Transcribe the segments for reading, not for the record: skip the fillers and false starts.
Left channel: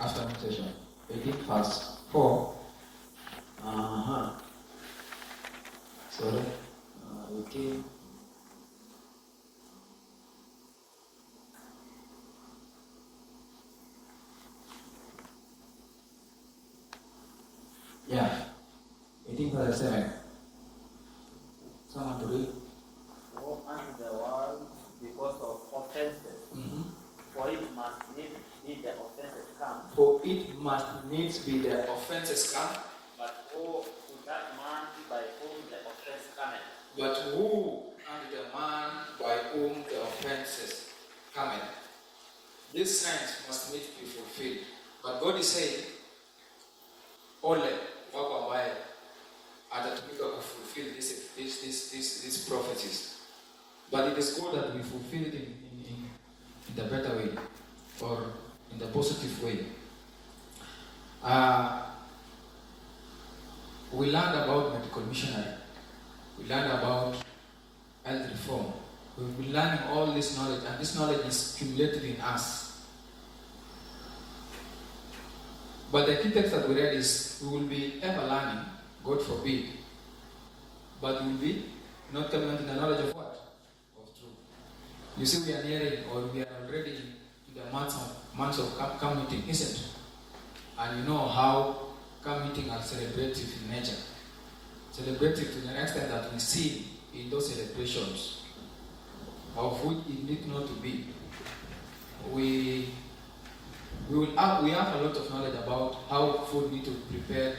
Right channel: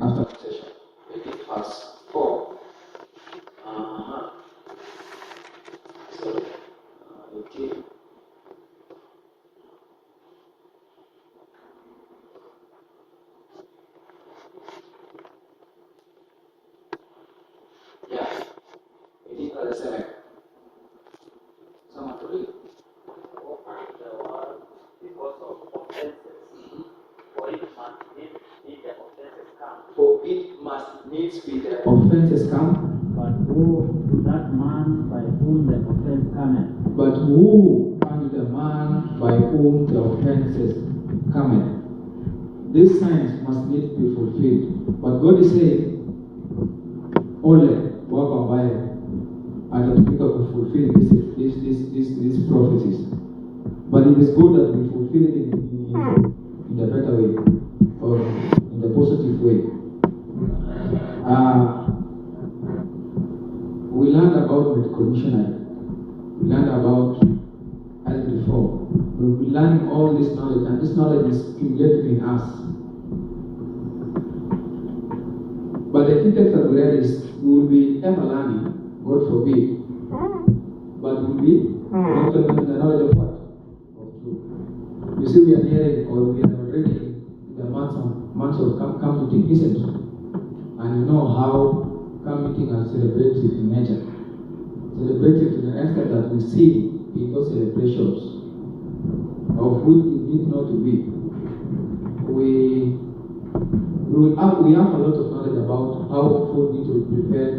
After session, 4. So, okay. Yeah, 18:37. Someone to read. The world because of offenses. For it must needs be the offenses come. For it must needs be the offenses come. But woe to that man by whom the offense cometh. But who can the man by whom the offenses cometh? These signs must need be fulfilled. But God is saying, only wako ambaye atatumika fulfill these prophecies. But it is good that we fulfill it in the better way, or in the positive way. We learned about medical missionary. We learned about health reform. We'll be learning all this knowledge, and this knowledge is accumulated in us. But the key text that we read is, we will be ever learning, God forbid, but we will be not in the knowledge of what? Of truth. You see, we are hearing, or we are already in the months of camp meeting, isn't it? And you know how camp meeting are celebrative in nature. Celebrative to the extent that we see in those celebrations, of which it need not to be. We have a lot of knowledge about how food need to be prepared,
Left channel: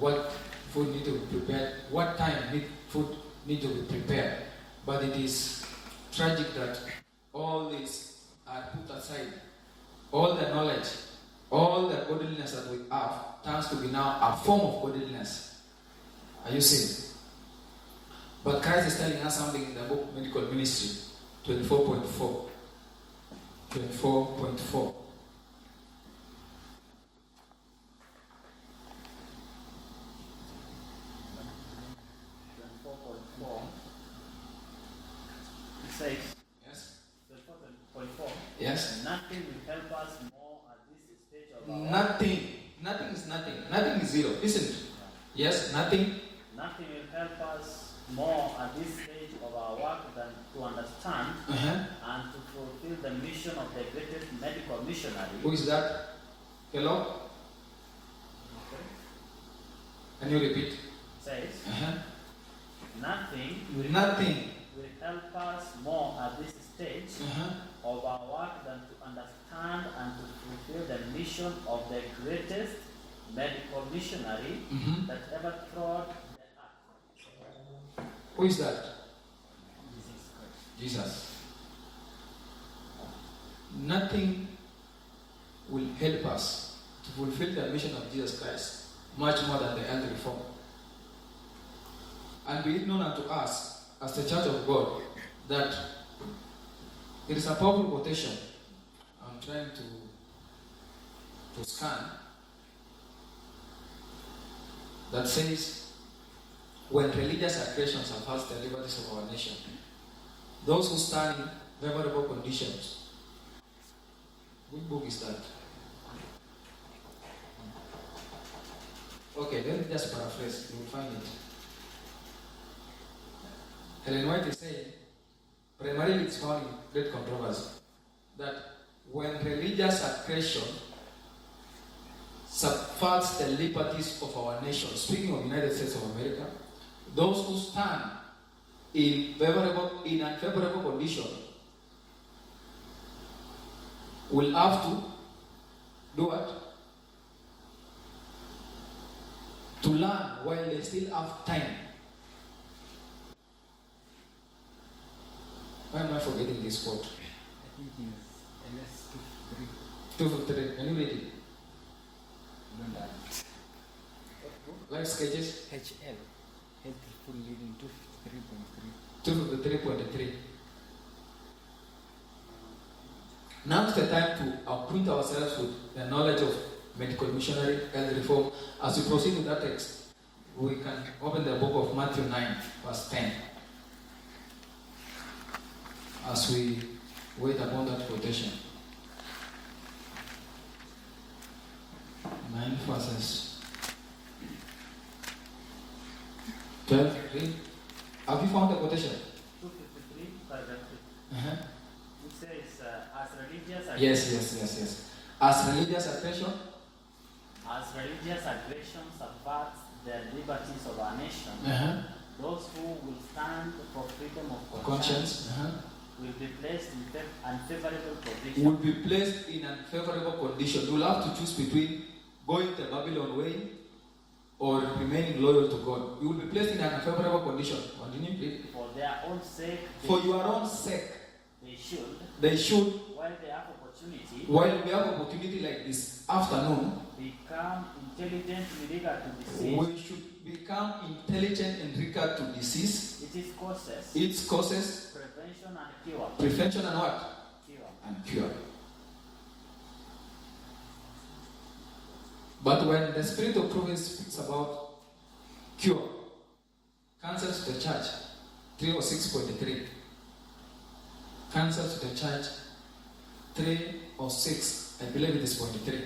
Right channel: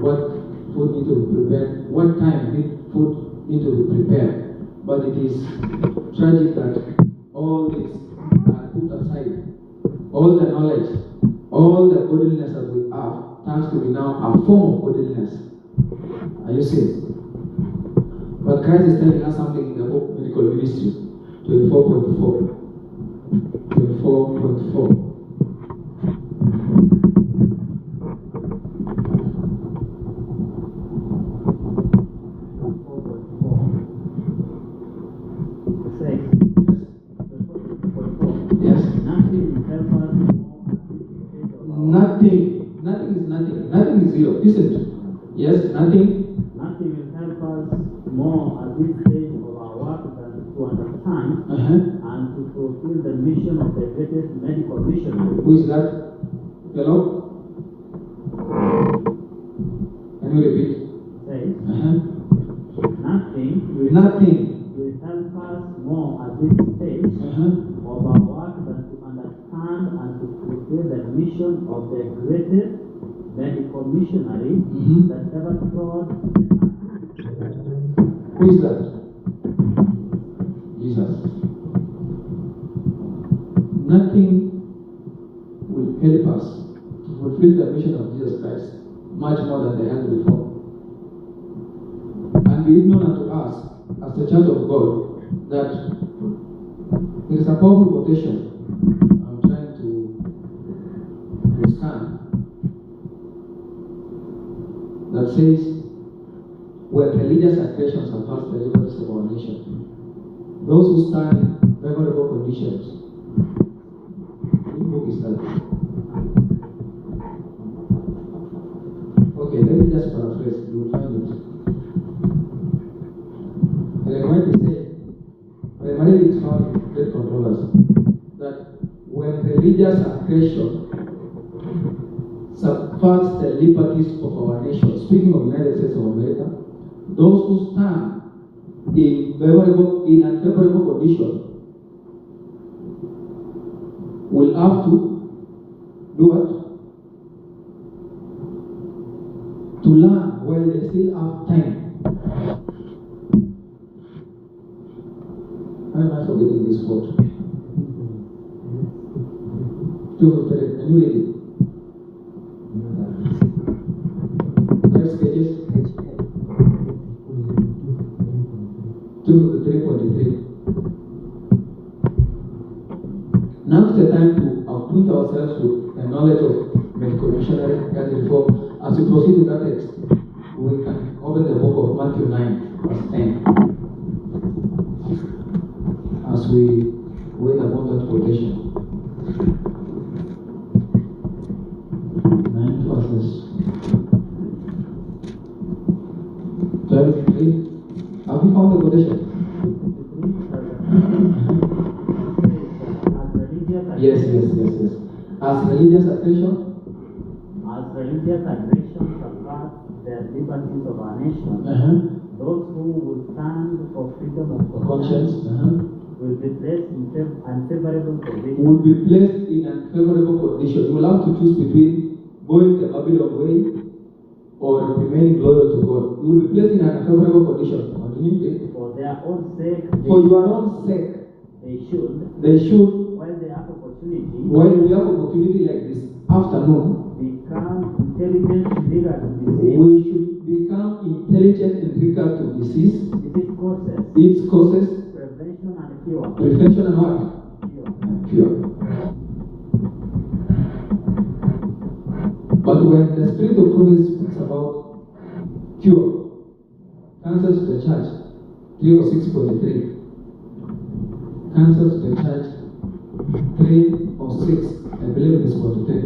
what food need to be prepared, what time food need to be prepared. But it is tragic that all this are put aside. All the knowledge, all the godliness that we have turns to be now a form of godliness. Are you seeing? But Christ is telling us something in the whole medical ministry, 24.4. 24.4. Nothing is zero, isn't it? Yes, nothing. Nothing will help us more at this stage of our work than to understand and to fulfill the mission of the greatest medical missionary. Who is that? Hello? Can you repeat? It says, nothing will help us more at this stage of our work than to understand and to fulfill the mission of the greatest medical missionary that ever trod the earth. Who is that? Jesus. Nothing will help us to fulfill the mission of Jesus Christ much more than the health reform. And be it known unto us, as the Church of God, that it is a powerful quotation. I'm trying to scan. That says, when religious aggressions have passed the liberties of our nation, those who stand in favorable conditions. Which book is that? Okay, let me just paraphrase, you will find it. Ellen White is saying, primarily it's found in great controversy, that when religious aggression subverts the liberties of our nation, speaking of the United States of America, those who stand in unfavorable condition will have to do what? To learn while they still have time. Why am I forgetting this quote? 2:3. Can you read it? Life sketches. 2:3.3. Now is the time to acquaint ourselves with the knowledge of medical missionary health reform. As we proceed with that text, we can open the book of Matthew 9, verse 10. As we wait upon quotation. 9 verses 12. Have you found the quotation? Yes. As religious aggression. As religious aggression subverts the liberties of our nation, those who will stand for freedom of conscience will be placed in unfavorable condition. Will be placed in unfavorable condition. You will have to choose between going the Babylon way or remaining loyal to God. You will be placed in an unfavorable condition. Continue. For their own sake. For your own sake. They should. While we have opportunity like this afternoon, become intelligent in regard to disease. We should become intelligent in regard to disease. Its causes. Prevention and cure. Prevention and what? Cure. But when the Spirit of Prophecy speaks about cure, counsel to the church, 306.3. Counsel to the church, 306. I believe it is 43. I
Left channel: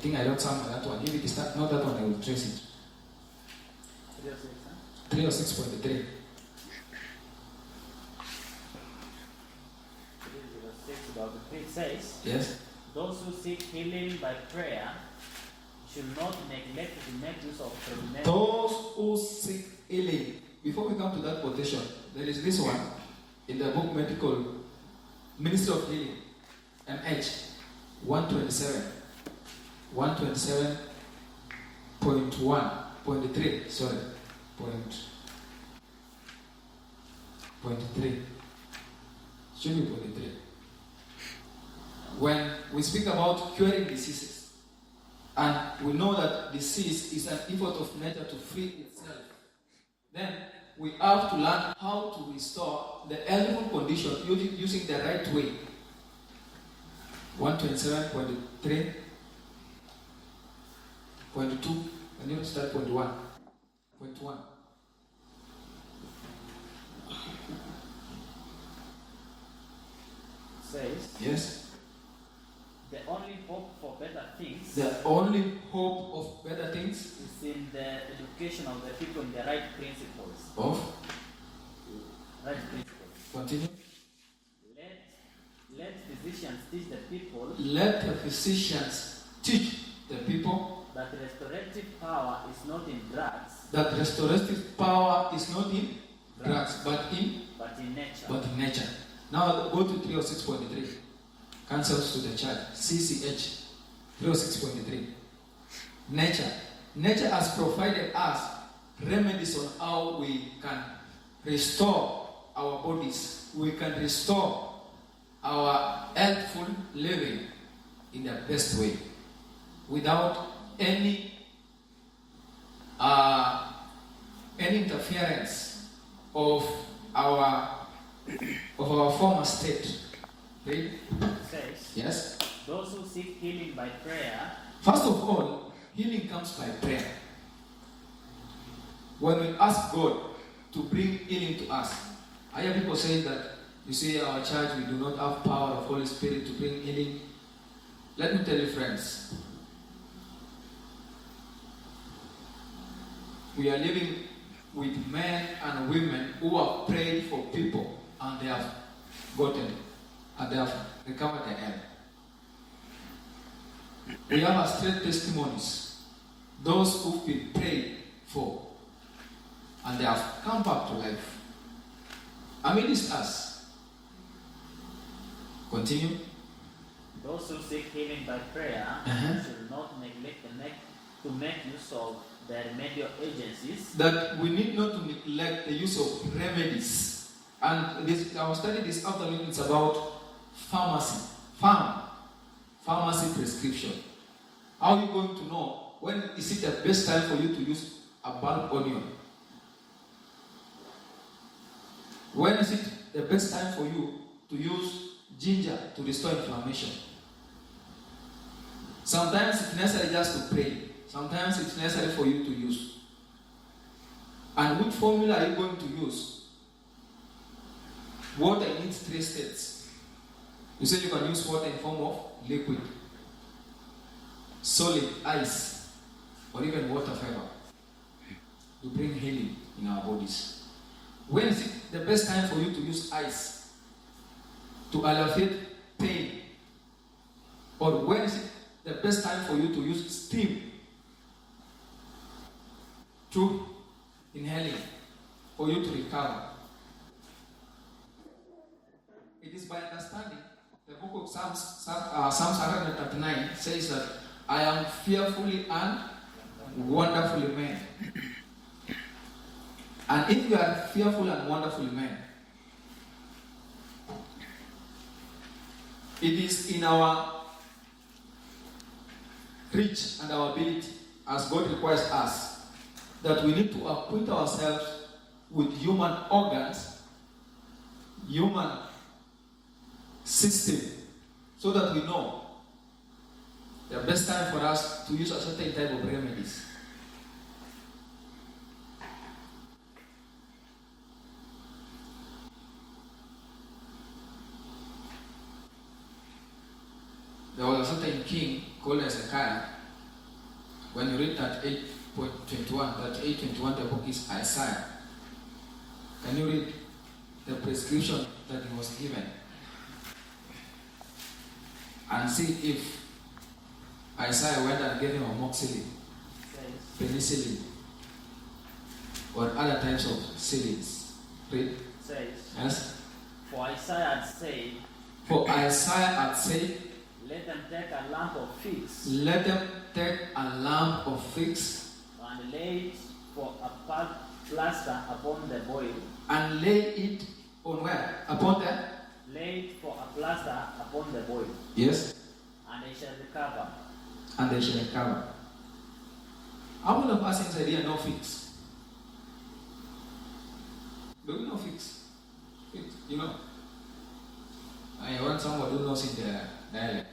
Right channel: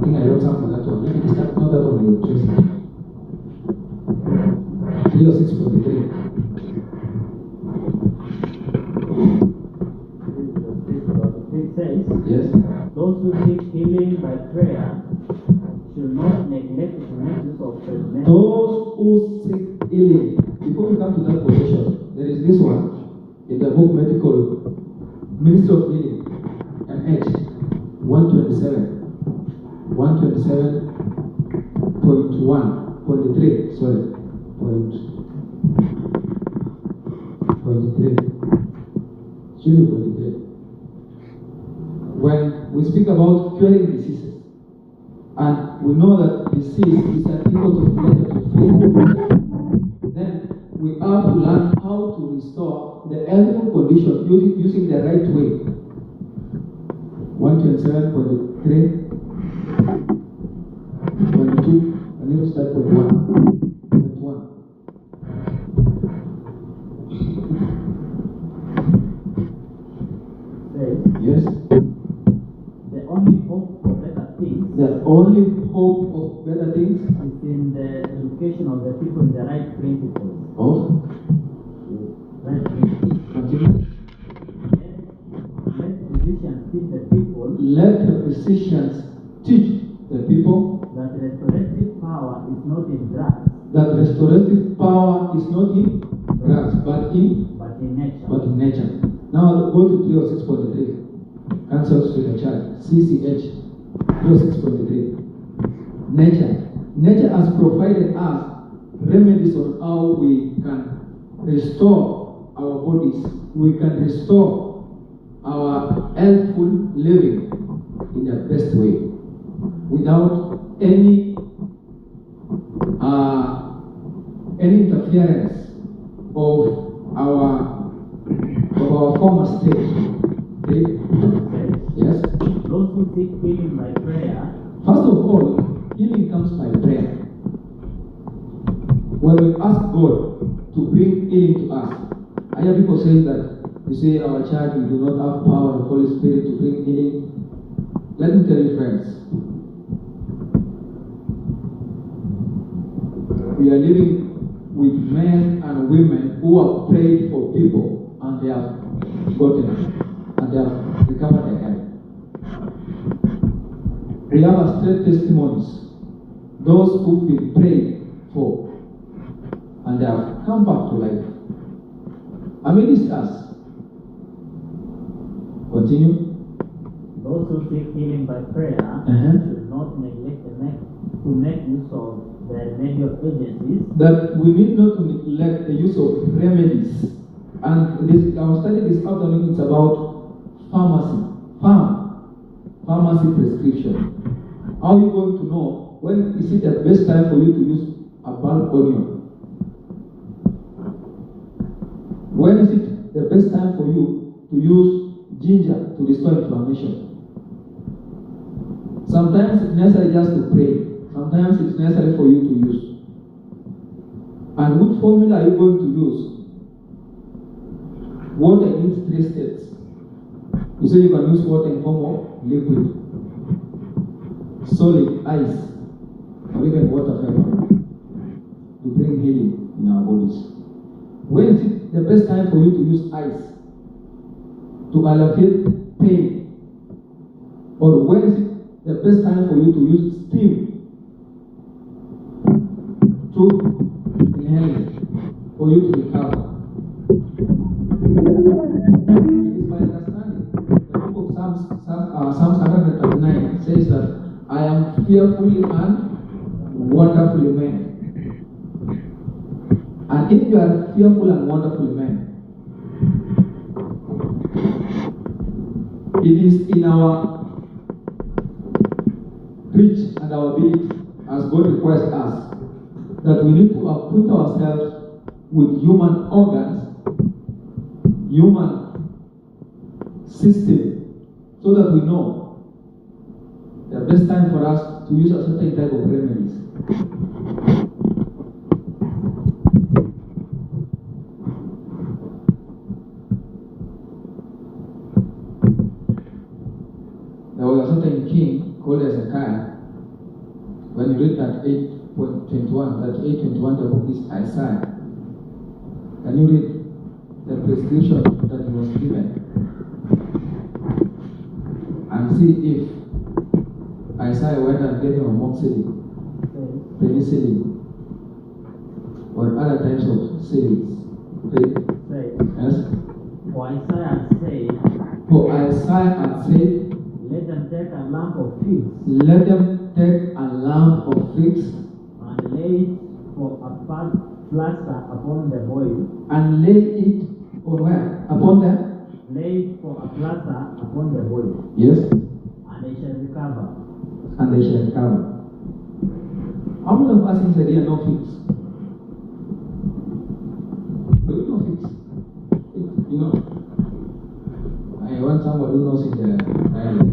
think I wrote something on that one. If it is not that one, I will trace it. 306.43. It says, yes. Those who seek healing by prayer should not neglect to make use of the Those who seek healing. Before we come to that quotation, there is this one in the book Medical Ministry of Healing, MH 127. 127.1.3. Sorry. Point 3. Should be 0.3. When we speak about curing diseases, and we know that disease is an effort of nature to free itself, then we have to learn how to restore the healthful condition using the right way. 127.3, 0.2, and even start 0.1. Says, yes. The only hope for better things. The only hope of better things is in the education of the people in the right principles. Of? Right principles. Continue. Let physicians teach the people. Let the physicians teach the people that restorative power is not in drugs. That restorative power is not in drugs, but in nature. Now go to 306.3. Counsels to the church. CCH 306.3. Nature has provided us remedies on how we can restore our bodies. We can restore our healthful living in the best way without any interference of our former state. Okay? Yes. Those who seek healing by prayer. First of all, healing comes by prayer. When we ask God to bring healing to us, I hear people say that we say our church we do not have power of the Holy Spirit to bring healing. Let me tell you, friends, we are living with men and women who have prayed for people and they have gotten and they have recovered their health. We have straight testimonies. Those who've been prayed for and they have come back to life. Amidst us. Continue. Those who seek healing by prayer should not neglect to make use of the remedial agencies. That we need not to neglect the use of remedies. And this, our study this afternoon is about pharmacy. Pharmacy prescription. How are you going to know when is it the best time for you to use a bulb onion? When is it the best time for you to use ginger to restore inflammation? Sometimes it's necessary just to pray. Sometimes it's necessary for you to use. And which formula are you going to use? Water needs 3 states. You say you can use water in form of liquid, solid, ice, or even water vapor to bring healing in our bodies. When is it the best time for you to use ice to alleviate pain? Or when is it the best time for you to use steam through inhaling for you to recover? It is my understanding. The book of Psalms 139 says that I am fearfully and wonderfully made. And if you are fearful and wonderfully made, it is in our reach and our ability, as God requires us, that we need to acquit ourselves with human organs, human system, so that we know the best time for us to use a certain type of remedies. There was a certain king called Hezekiah. When you read that 8:21, the book is Isaiah. Can you read the prescription that he was given? And see if Isaiah went and gave him amoxicillin, penicillin, or other types of syringes. Read. Yes? For Isaiah had said, let them take a lump of figs. Let them take a lump of figs. And lay it for a plaster upon the boil. And lay it on where? Upon the? Lay it for a plaster upon the boil. Yes. And they shall recover. And they shall recover. How many of us inside here know figs? Do we know figs? Figs, you know? I want somebody who knows in the dialect.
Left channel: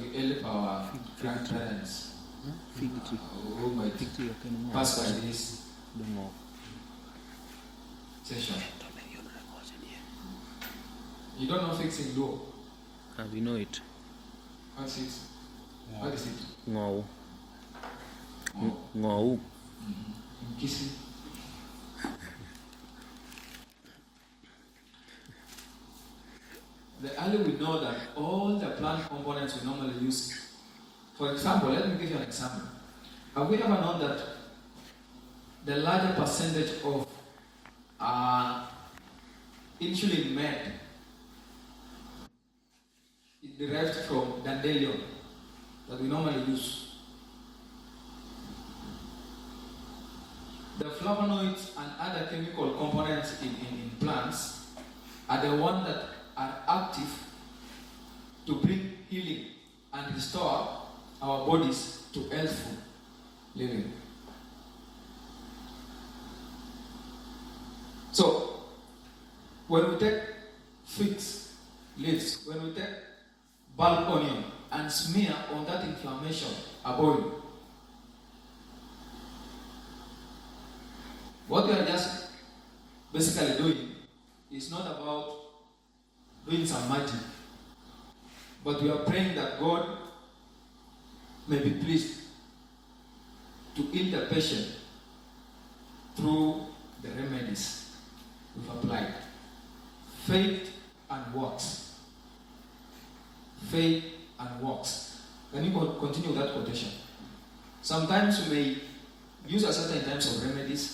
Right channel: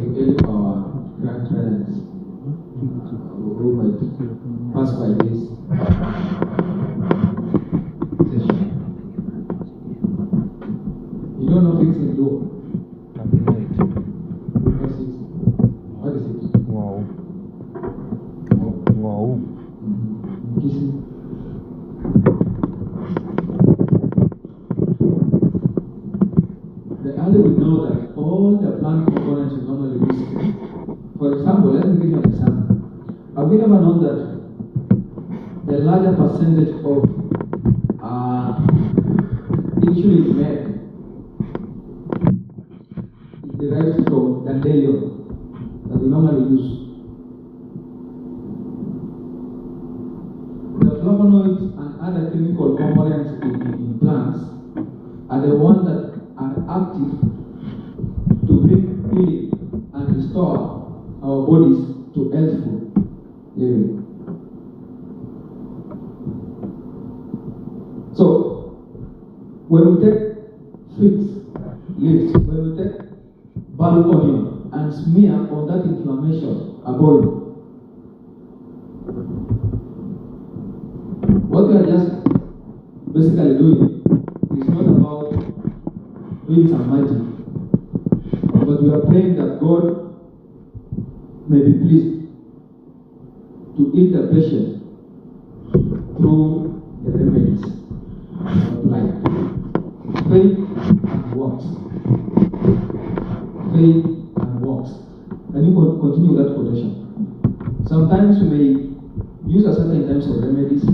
We help our grandparents who might pass by this session. You don't know figs in Luo? We know it. What is it? What is it? Wow. Oh. Wow. Kissing. The earlier we know that all the plant components we normally use. For example, let me give you an example. Have we ever known that the larger percentage of insulin made is derived from dandelion that we normally use? The flavonoids and other chemical components in plants are the ones that are active to bring healing and restore our bodies to healthful living. So, when we take figs leaves, when we take ball onion and smear on that inflammation, a boil, what we are just basically doing is not about doing some magic, but we are praying that God may be pleased to heal the patient through the remedies applied. Faith and works. Faith and works. Can you continue that quotation? Sometimes we may use a certain types of remedies.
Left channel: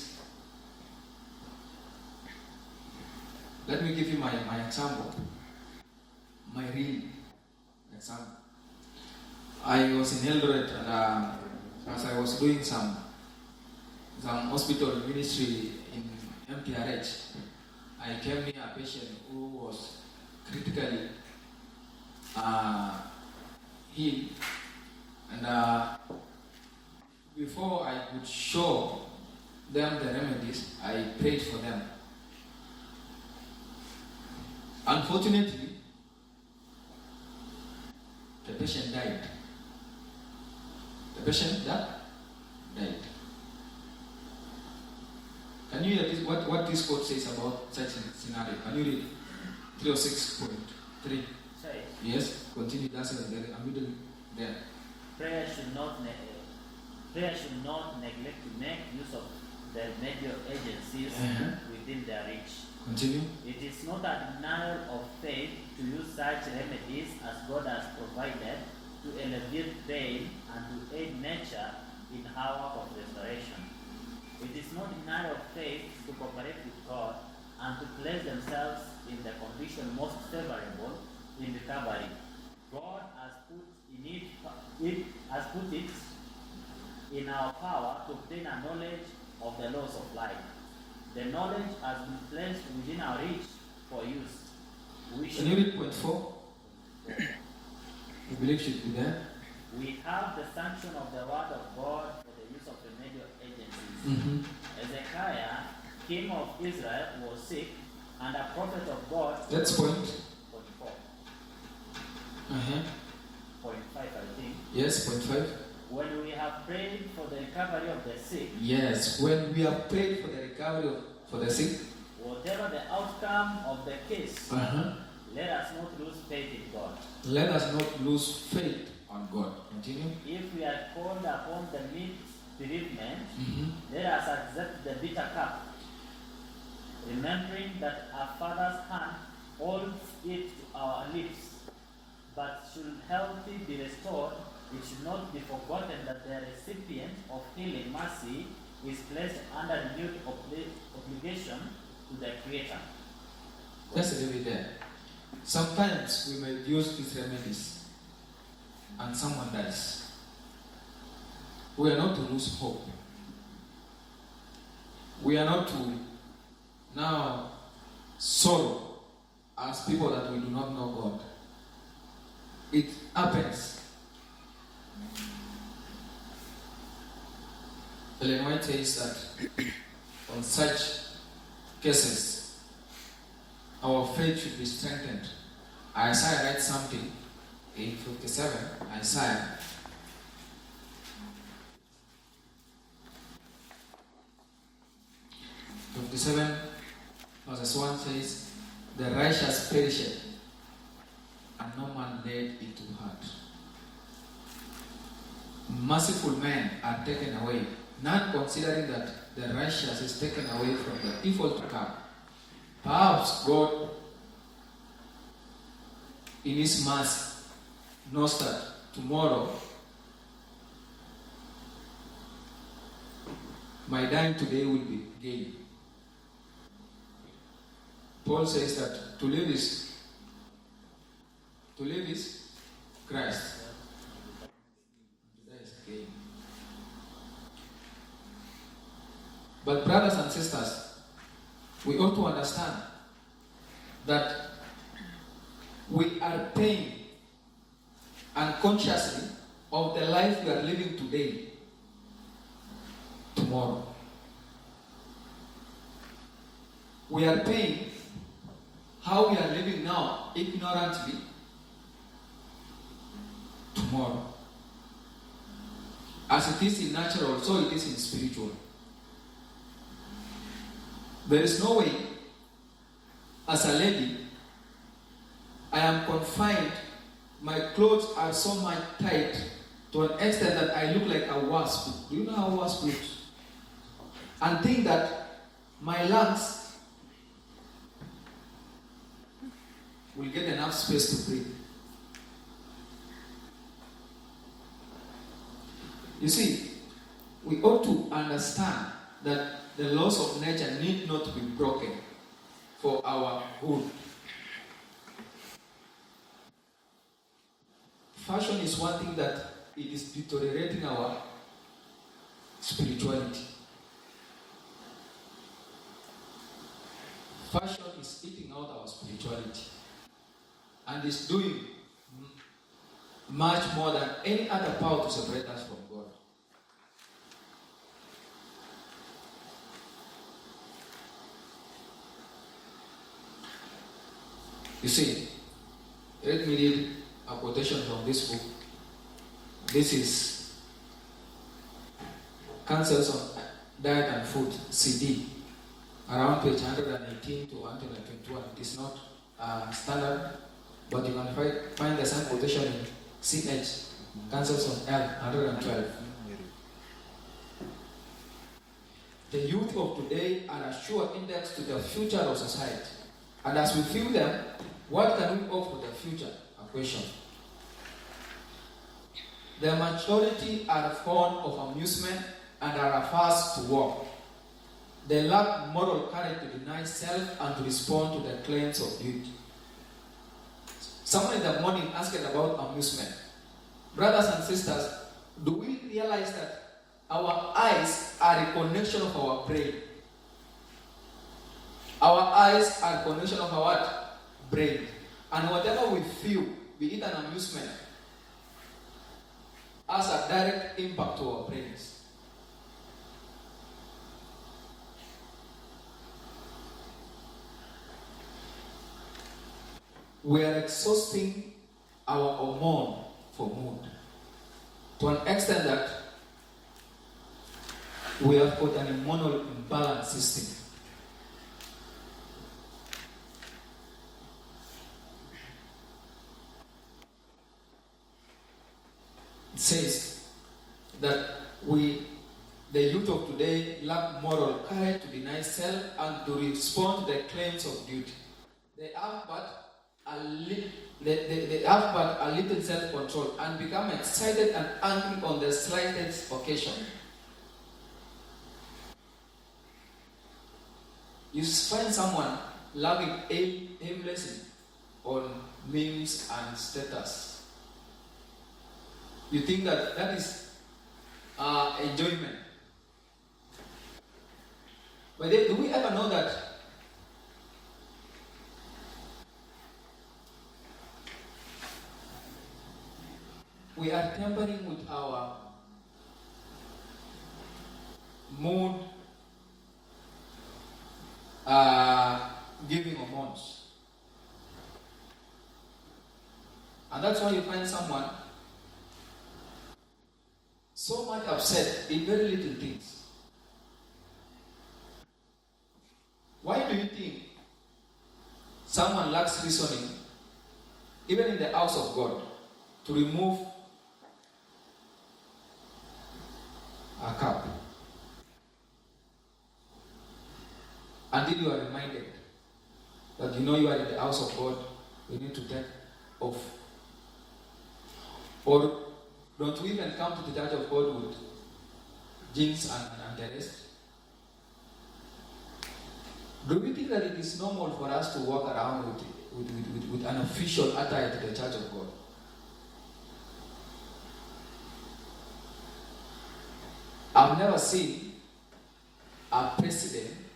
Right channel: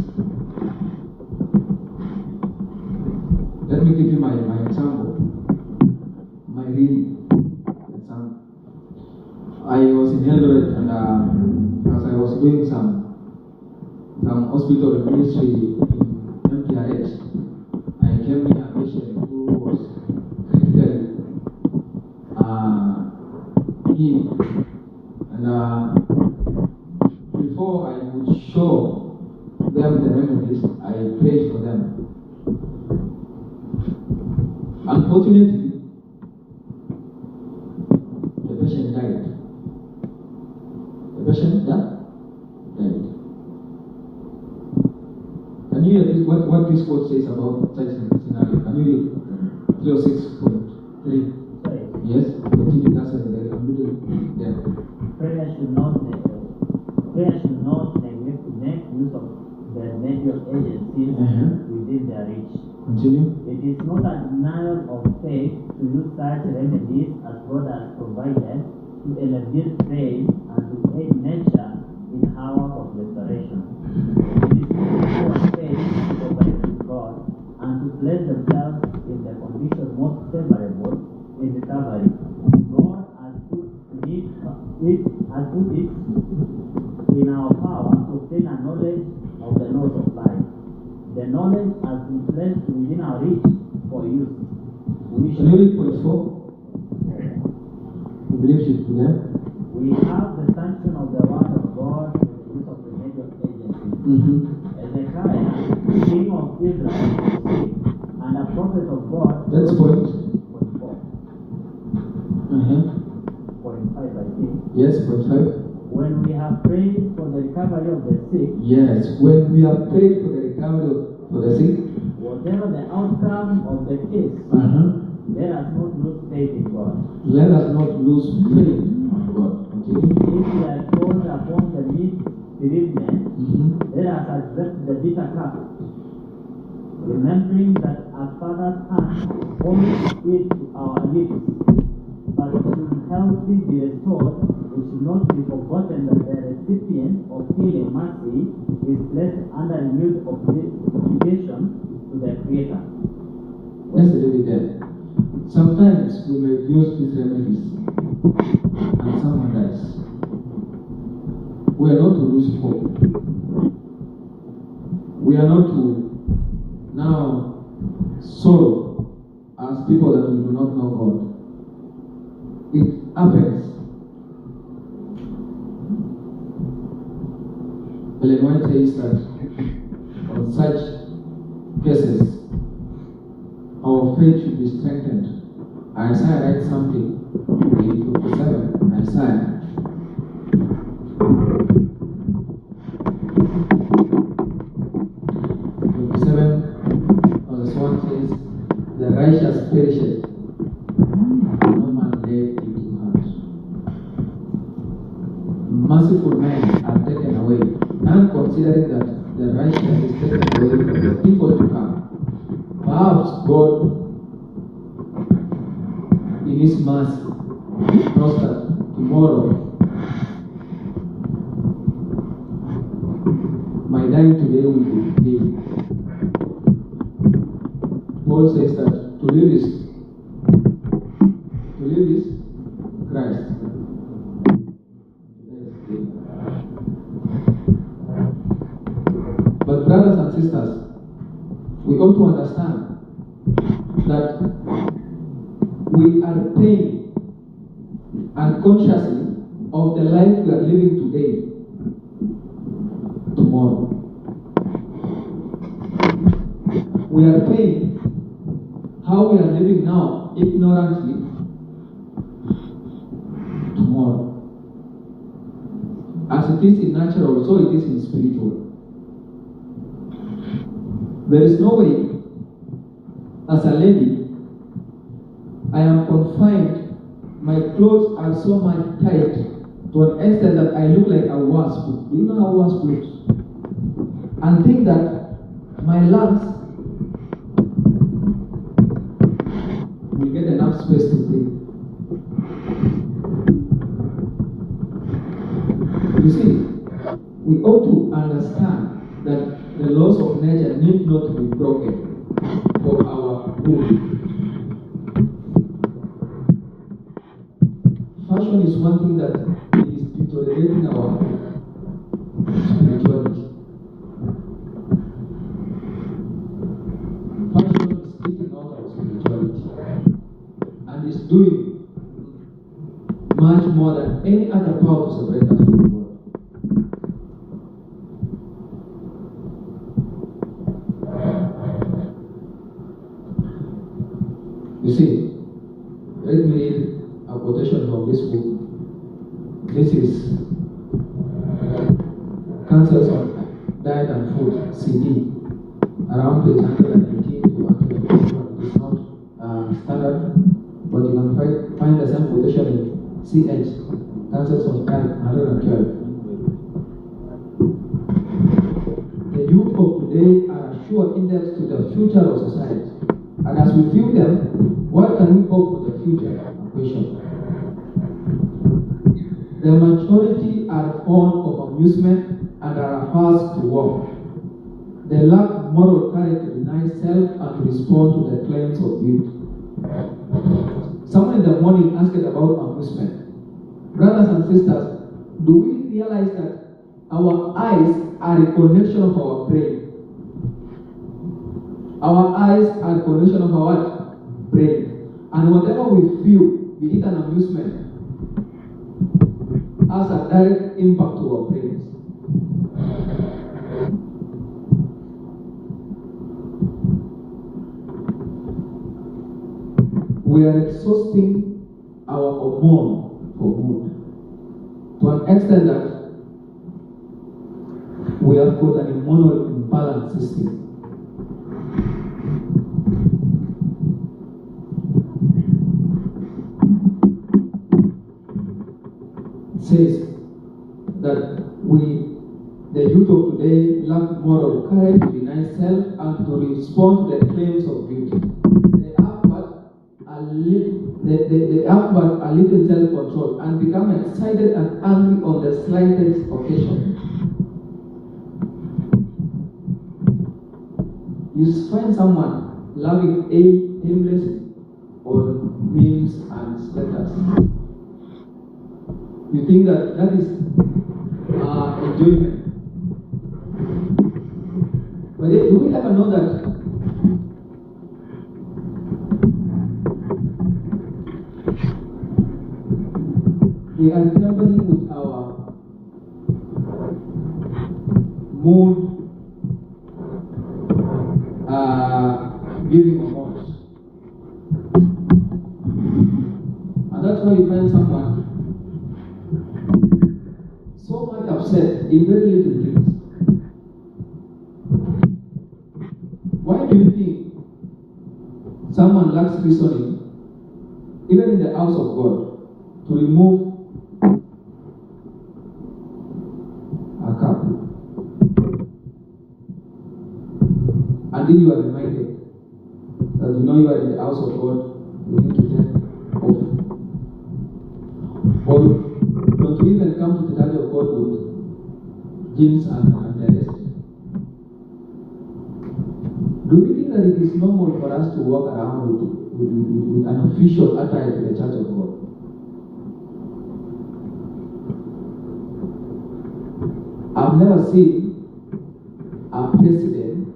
Let me give you my example. My real example. I was in Eldoret, and as I was doing some hospital ministry in MPRH, I came in a patient who was critically ill. And before I would show them the remedies, I prayed for them. Unfortunately, the patient died. The patient died. Can you hear this, what this quote says about such a scenario? Can you read 306? 3. says, Yes, continue. That's in the middle there. prayer should not neglect to make use of the major agencies within their reach. Continue. It is not a denial of faith to use such remedies as God has provided to alleviate pain and to aid nature in our work of restoration. It is not our faith to cooperate with God and to place themselves in the condition most favorable in recovery. God has put it in our power to obtain a knowledge of the laws of life. The knowledge has been placed within our reach for use. Can you read point 4? You believe should be there? We have the sanction of the word of God for the use of the major agencies. Ezekiah, king of Israel, was sick, and a prophet of God. That's point 4. 5, I think. Yes, point 5. When we have prayed for the recovery of the sick. Yes, when we have prayed for the recovery for the sick. Whatever the outcome of the case, let us not lose faith in God. Let us not lose faith on God. Continue. If we are called upon the bereavement, let us accept the bitter cup, remembering that our Father's hand holds it to our lips. But should health be restored, it should not be forgotten that the recipient of healing mercy is placed under renewed obligation to the Creator. Let's leave it there. Sometimes we may use these remedies and someone dies. We are not to lose hope. We are not to now sorrow as people that we do not know God. It happens. Ellen White says that on such cases, our faith should be strengthened. Isaiah writes something in 57. Isaiah. Verse 1 says, the righteous perisheth, and no man laid it to heart. Merciful men are taken away, none considering that the righteous is taken away from the evil to come. Perhaps God, in His mercy, knows that tomorrow my dying today will be gain. Paul says that to live is Christ. That is gain. But brothers and sisters, we ought to understand that we are paying unconsciously of the life we are living today, tomorrow. We are paying how we are living now ignorantly tomorrow. As it is in natural, so it is in spiritual. There is no way, as a lady, I am confined, my clothes are so much tight to an extent that I look like a wasp. Do you know how wasp looks? And think that my lungs will get enough space to breathe. You see, we ought to understand that the laws of nature need not to be broken for our good. Fashion is one thing that it is deteriorating our spirituality. Fashion is eating out our spirituality and is doing much more than any other power to separate us from God. You see, let me read a quotation from this book. This is Counsels on Diet and Food, CD, around page 118 to 121. It is not standard But you can find the same quotation in CH, Councils of 112. The youth of today are a sure index to the future of society. And as we view them, what can we hope for the future? A question. The majority are fond of amusement and are averse to work. They lack moral courage to deny self and to respond to the claims of duty. Someone in the morning asked about amusement. Brothers and sisters, do we realize that our eyes are a connection of our brain? Our eyes are a connection of our what? Brain. And whatever we feel, be it an amusement, has a direct impact to our brains. We are exhausting our hormone for mood to an extent that we have got an hormonal imbalance system. It says that the youth of today, lack moral courage to deny self and to respond to the claims of duty. They have but a little self-control and become excited and angry on the slightest occasion. You find someone loving aimlessly on memes and status. You think that is enjoyment. But do we ever know that we are tampering with our mood giving hormones? And that's why you find someone so much upset in very little things. Why do you think someone lacks reasoning, even in the house of God, to remove a cup until you are reminded that you know you are in the house of God, you need to take off? Or not to even come to the church of God with jeans and the rest. Do we think that it is normal for us to walk around with an official attire to the church of God? I've never seen a president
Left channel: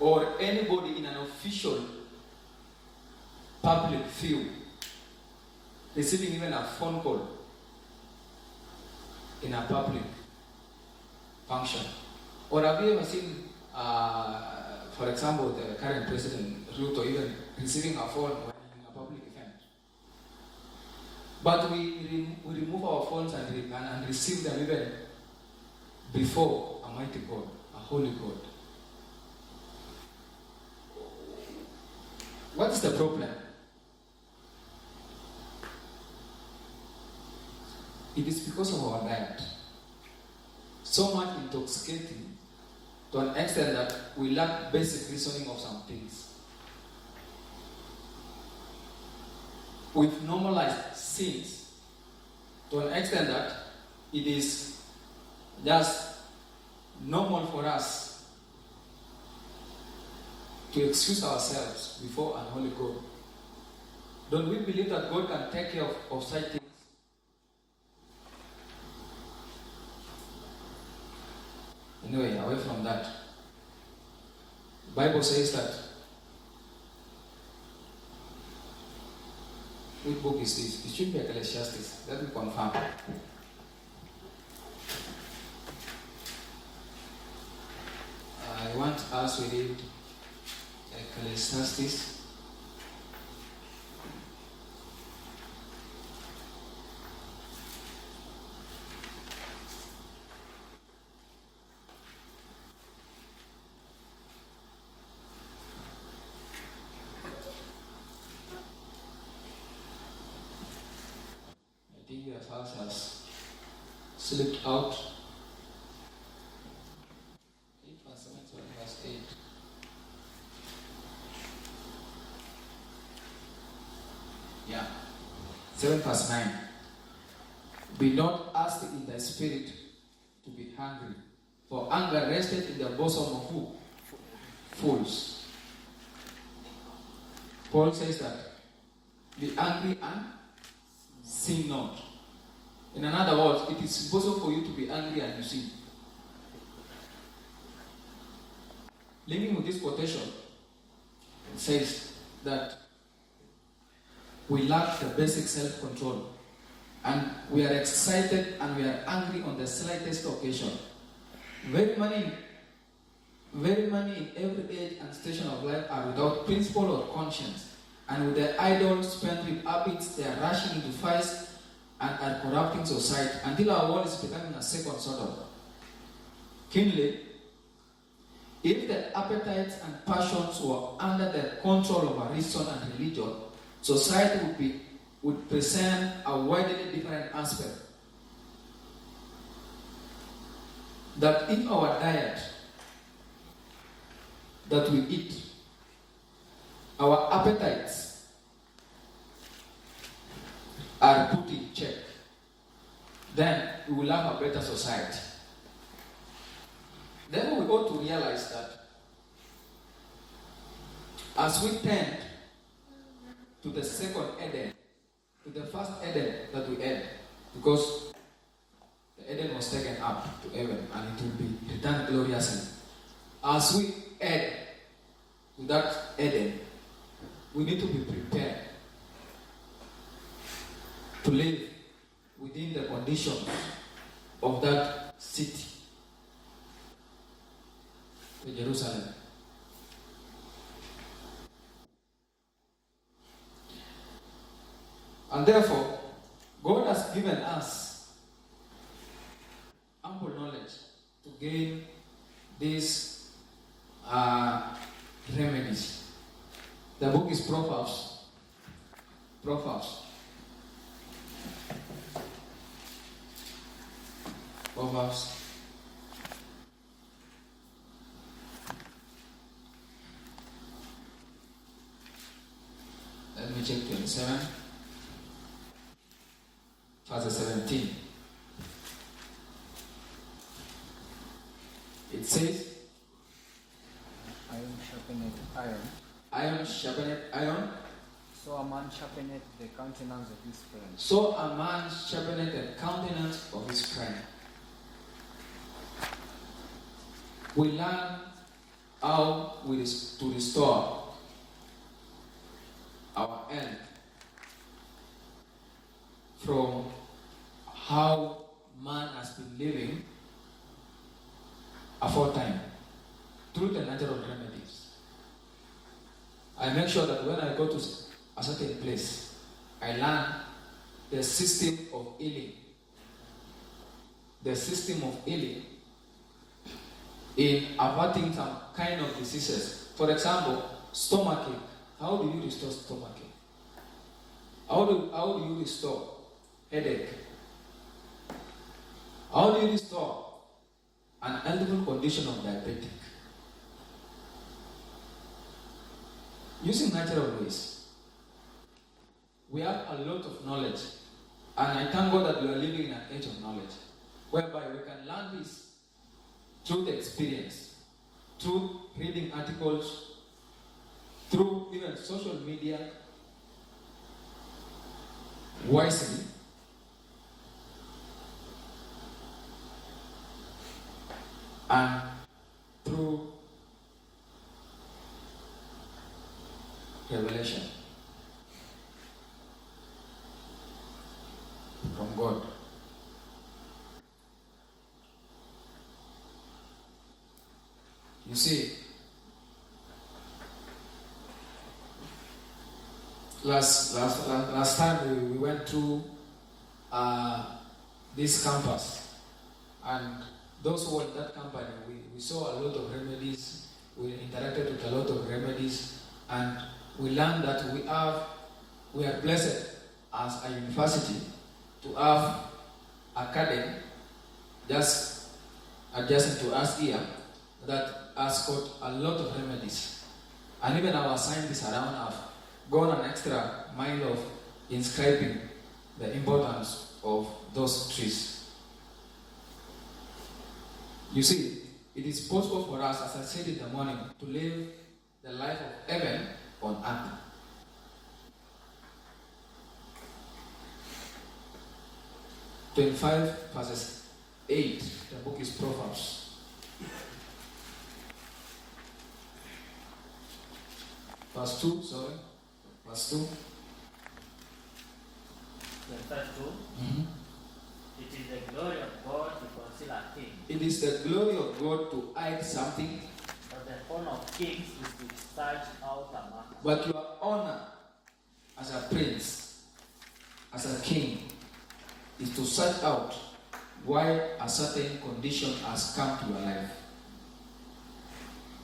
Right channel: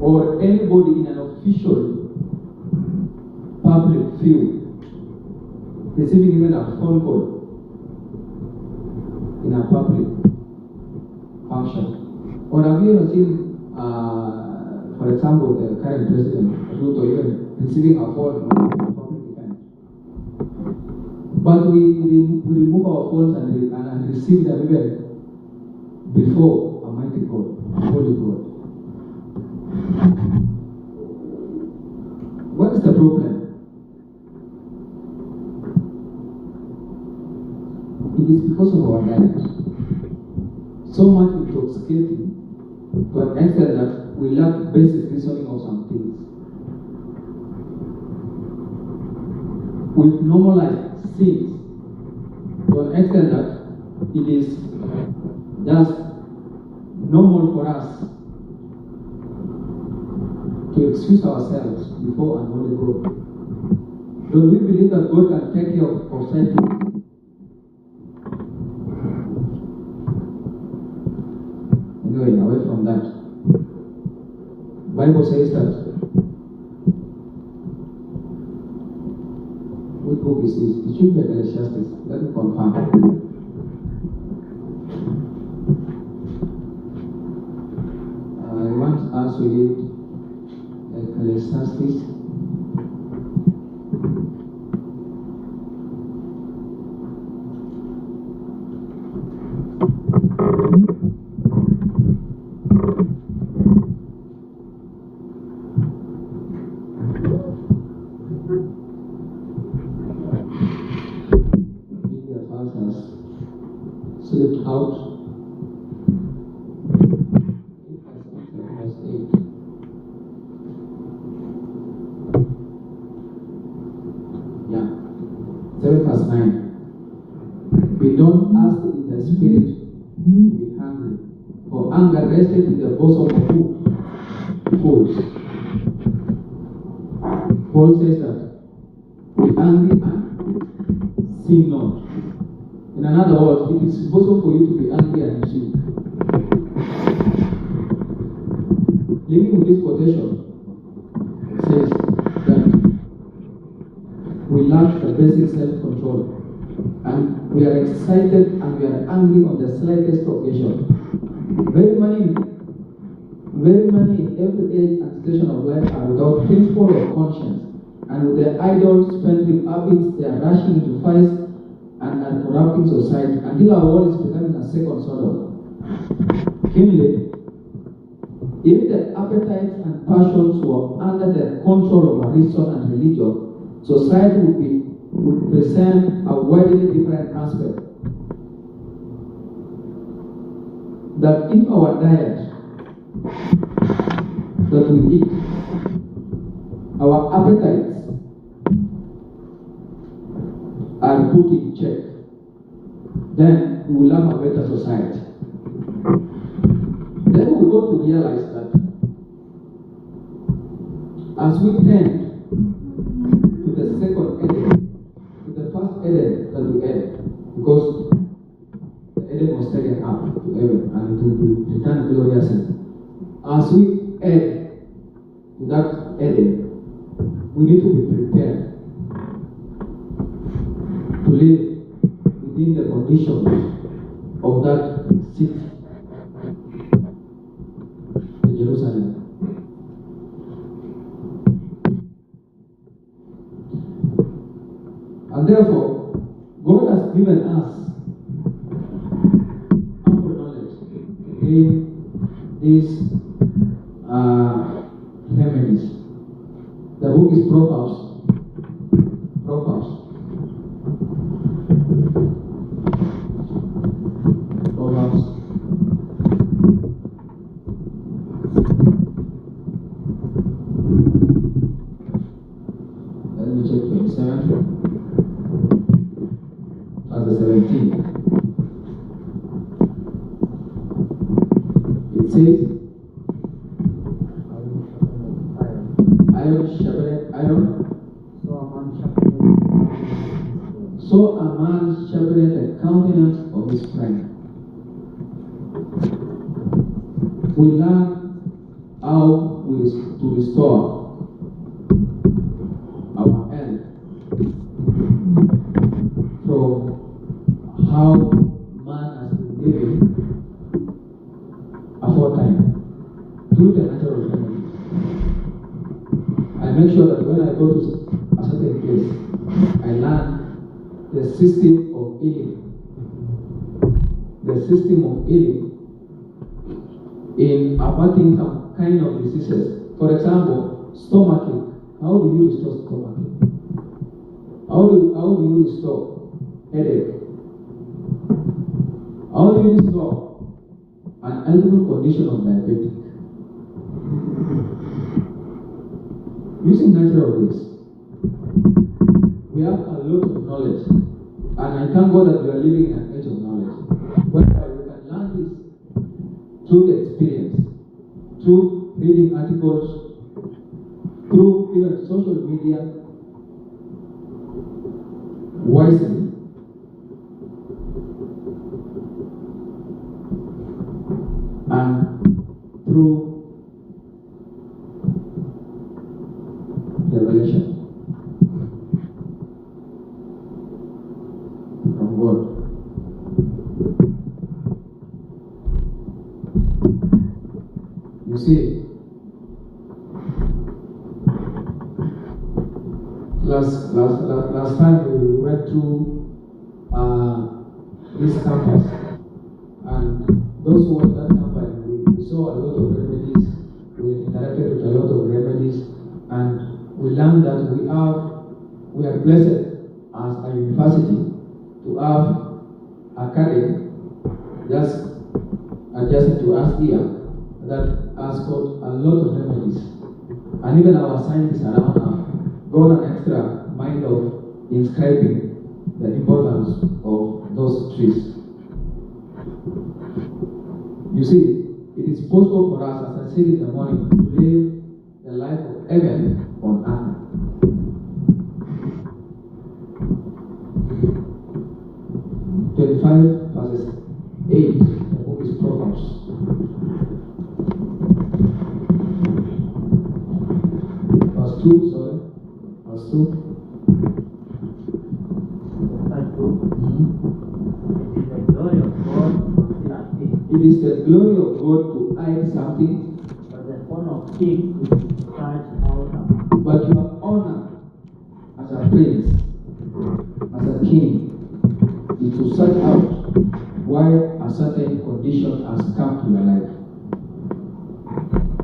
or anybody in an official public field receiving even a phone call in a public function. Or have you ever seen, for example, the current president, Ruto, even receiving a phone in a public event? But we remove our phones and receive them even before a mighty God, a holy God. What is the problem? It is because of our diet. So much intoxicating to an extent that we lack basic reasoning of some things. We've normalized sins to an extent that it is just normal for us to excuse ourselves before an holy God. Don't we believe that God can take care of such things? Anyway, away from that, Bible says that. What book is this? It should be Ecclesiastes. Let me confirm. I want us to read Ecclesiastes. out. 8 verse 8. Yeah. 7 verse 9. We don't ask in the spirit to be hungry, for anger rested in the bosom of who? Fools. Paul says that be angry and sin not. In other words, it is possible for you to be angry and you sin. Living with this quotation, it says that we lack the basic self-control, and we are excited and we are angry on the slightest occasion. Very many in every age and station of life are without principle or conscience, and with their idle spendthrift habits, they are rushing into fights and are corrupting society until our world is becoming a second Sodom. Keenly, if the appetites and passions were under the control of a reason and religion, society would present a widely different aspect. That if our diet that we eat, our appetites are put in check, then we will have a better society. Then we ought to realize that as we tend to the second Eden, to the first Eden that we had, because the Eden was taken up to heaven and it will be returned gloriously. As we add to that Eden, we need to be prepared to live within the conditions of that city, Jerusalem. And therefore, God has given us ample knowledge to gain these remedies. The book is Proverbs. Proverbs. Let me check 27. Verse 17. It says, iron sharpeneth iron. So a man sharpeneth the countenance of his friend. So a man sharpeneth the countenance of his friend. We learn how to restore our health from how man has been living aforetime through the natural remedies. I make sure that when I go to a certain place, I learn the system of healing. The system of healing in averting some kind of diseases. For example, stomachache. How do you restore stomachache? How do you restore headache? How do you restore an eligible condition of diabetic? Using natural ways. We have a lot of knowledge, and I thank God that we are living in an age of knowledge, whereby we can learn this through the experience, through reading articles, through even social media, wisely. And through revelation from God. You see, last time we went through this campus, and those who were in that company, we saw a lot of remedies, we interacted with a lot of remedies, and we learned that we are blessed as a university to have academy just adjacent to us here that has got a lot of remedies. And even our scientists around have gone an extra mile of inscribing the importance of those trees. You see, it is possible for us, as I said in the morning, to live the life of heaven on earth. Verses 8, the book is Proverbs. Verse 2, sorry. Verse 2. Verse 2. It is the glory of God to conceal a king. It is the glory of God to hide something. But the honor of kings is to search out a man. But your honor as a prince, as a king, is to search out why a certain condition has come to your life.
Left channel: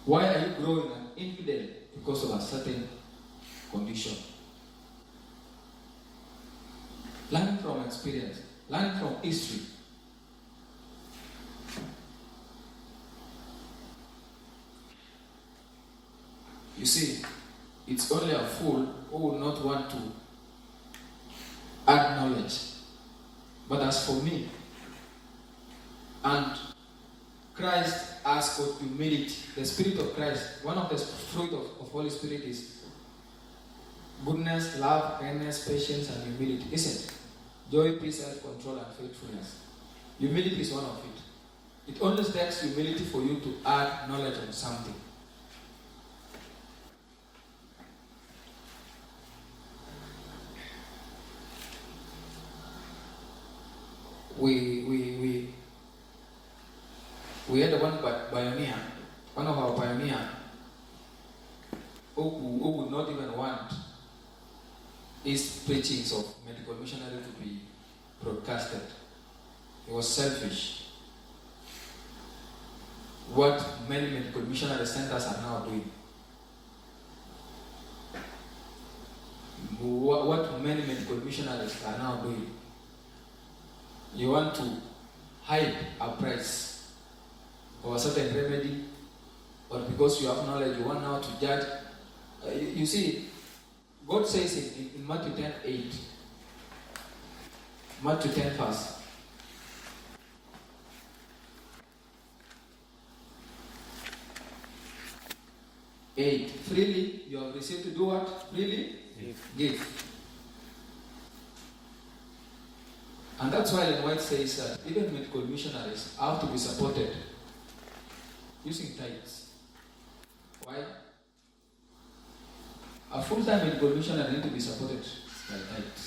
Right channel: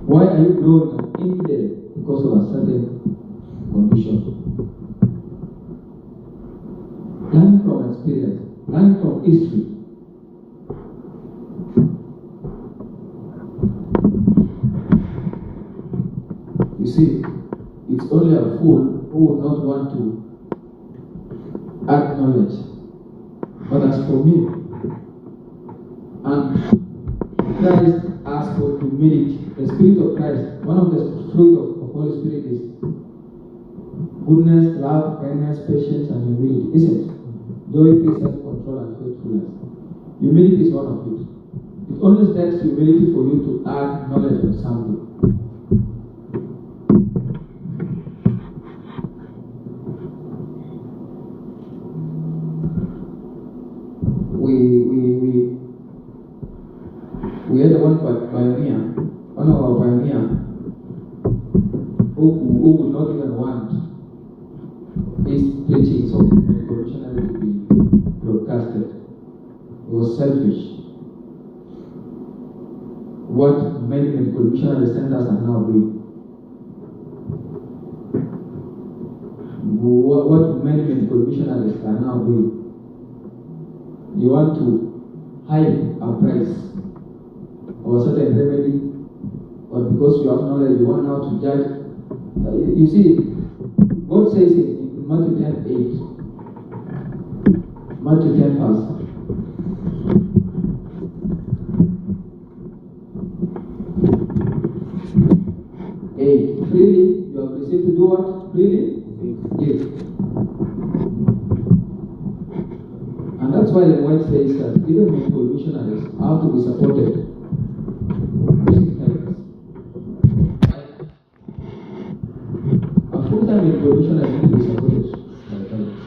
Why are you growing an infidel? Because of a certain condition. Learn from experience, learn from history. You see, it's only a fool who would not want to add knowledge. But as for me, and Christ asked for humility. The Spirit of Christ, one of the fruit of Holy Spirit is goodness, love, kindness, patience, and humility. Isn't it? Joy, peace, self-control, and faithfulness. Humility is one of it. It only takes humility for you to add knowledge on something. We had one pioneer, one of our pioneers, who would not even want his preachings of medical missionary to be broadcasted. He was selfish. What many medical missionary centers are now doing. What many medical missionaries are now doing. You want to hide a price of a certain remedy, or because you have knowledge, you want now to judge. You see, God says in Matthew 10:8, Matthew 10 verse 8, freely you have received to do what? Freely give. And that's why the White says that even medical missionaries have to be supported using tithes. Right? A full-time medical missionary needs to be supported by tithes.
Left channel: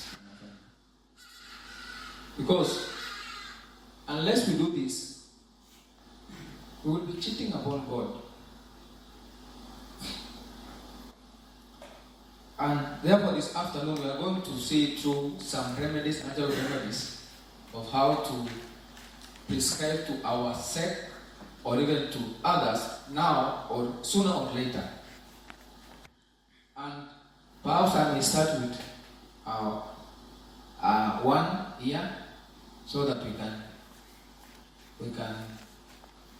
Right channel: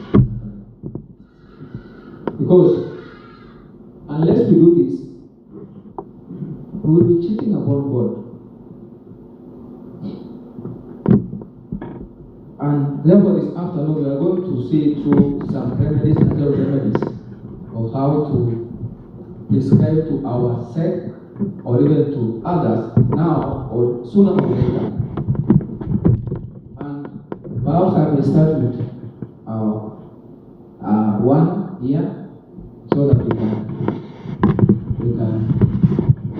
Because unless we do this, we will be cheating upon God. And therefore this afternoon we are going to see through some remedies, natural remedies, of how to prescribe to ourselves or even to others now or sooner or later. And perhaps I will start with one here so that we can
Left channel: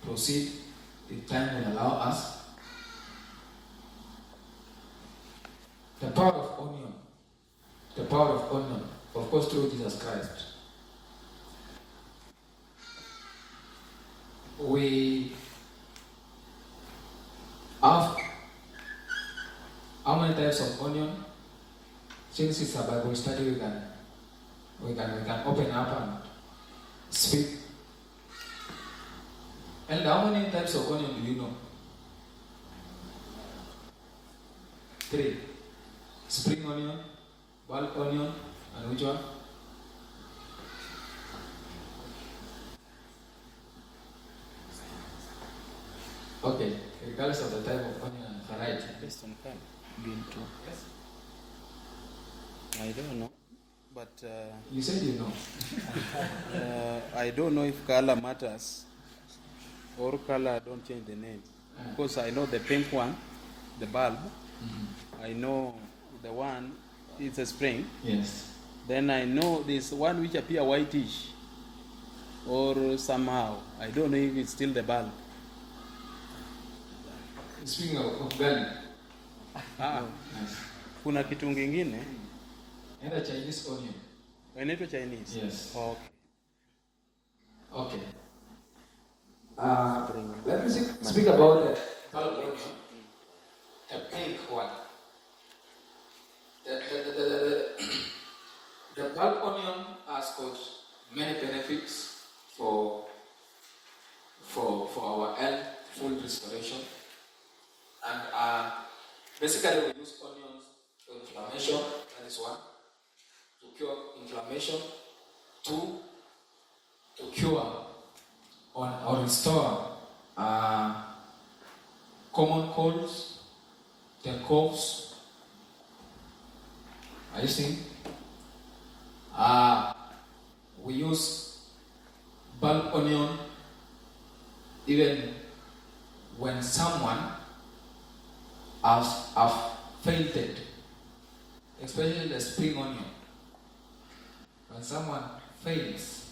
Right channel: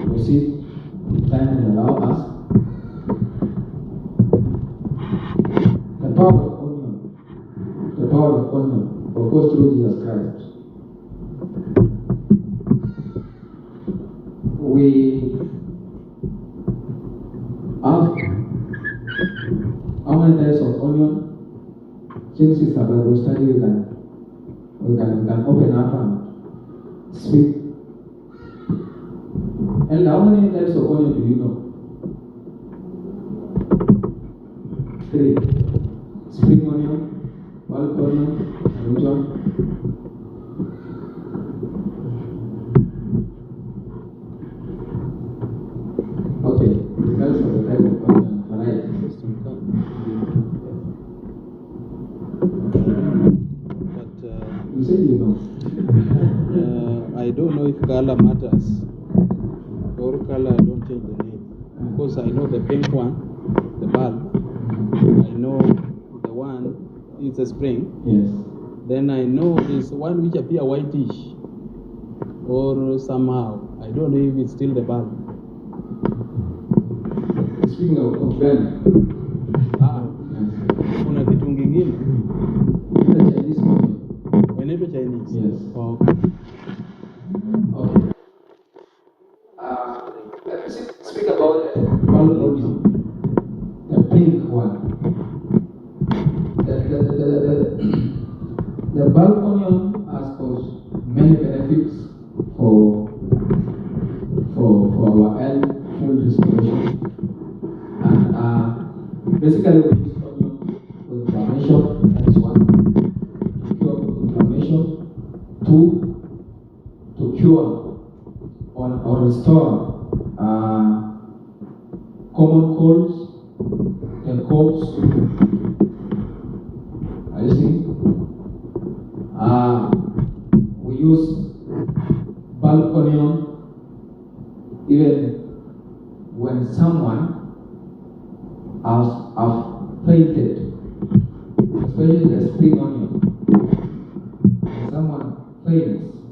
proceed. The time will allow us. The power of onion, of course, through Jesus Christ. We have how many types of onion? Since it's a Bible study, we can open up and speak. And how many types of onion do you know? 3. Spring onion, wild onion, and which one? Okay, regardless of the type of onion variety. Yes. But You said you know. I don't know if color matters. Or color, I don't change the name. Because I know the pink one, the bulb. I know the one, it's a spring. Yes. Then I know this one which appear whitish. or somehow. I don't know if it's still the bulb. Speaking of garlic, Kuna kitu kingine in the Chinese onion. inaitwa Chinese. Yes. Oh, Okay. Let me speak about the bulb onion, the pink one. The bulb onion has got many benefits for our health, food restoration, and basically we use onions for inflammation. That is one, to cure inflammation. Two, to cure or restore common colds and coughs. I see. We use bulb onion even when someone has fainted, especially the spring onion. When someone faints,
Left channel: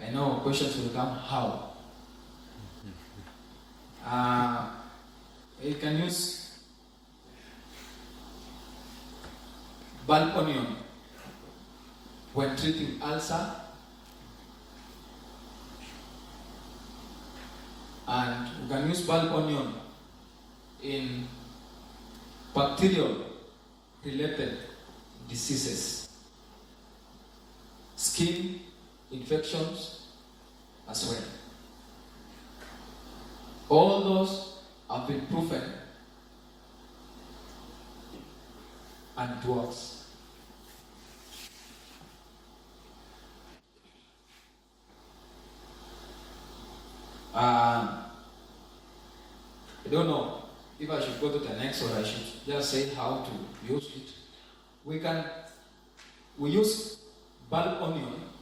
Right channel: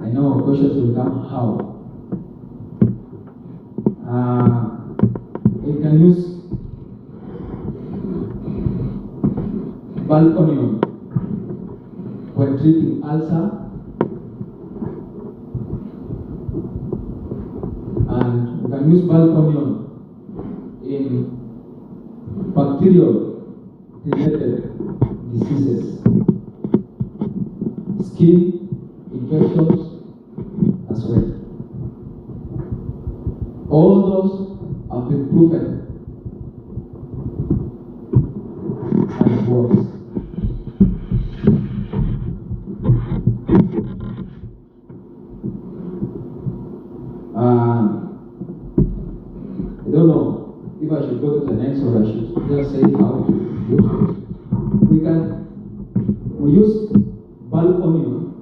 I know questions will come how. You can use bulb onion when treating ulcer, and we can use bulb onion in bacterial related diseases, skin infections as well. All those have been proven and it works. I don't know if I should go to the next or I should just say how to use it. We use bulb onion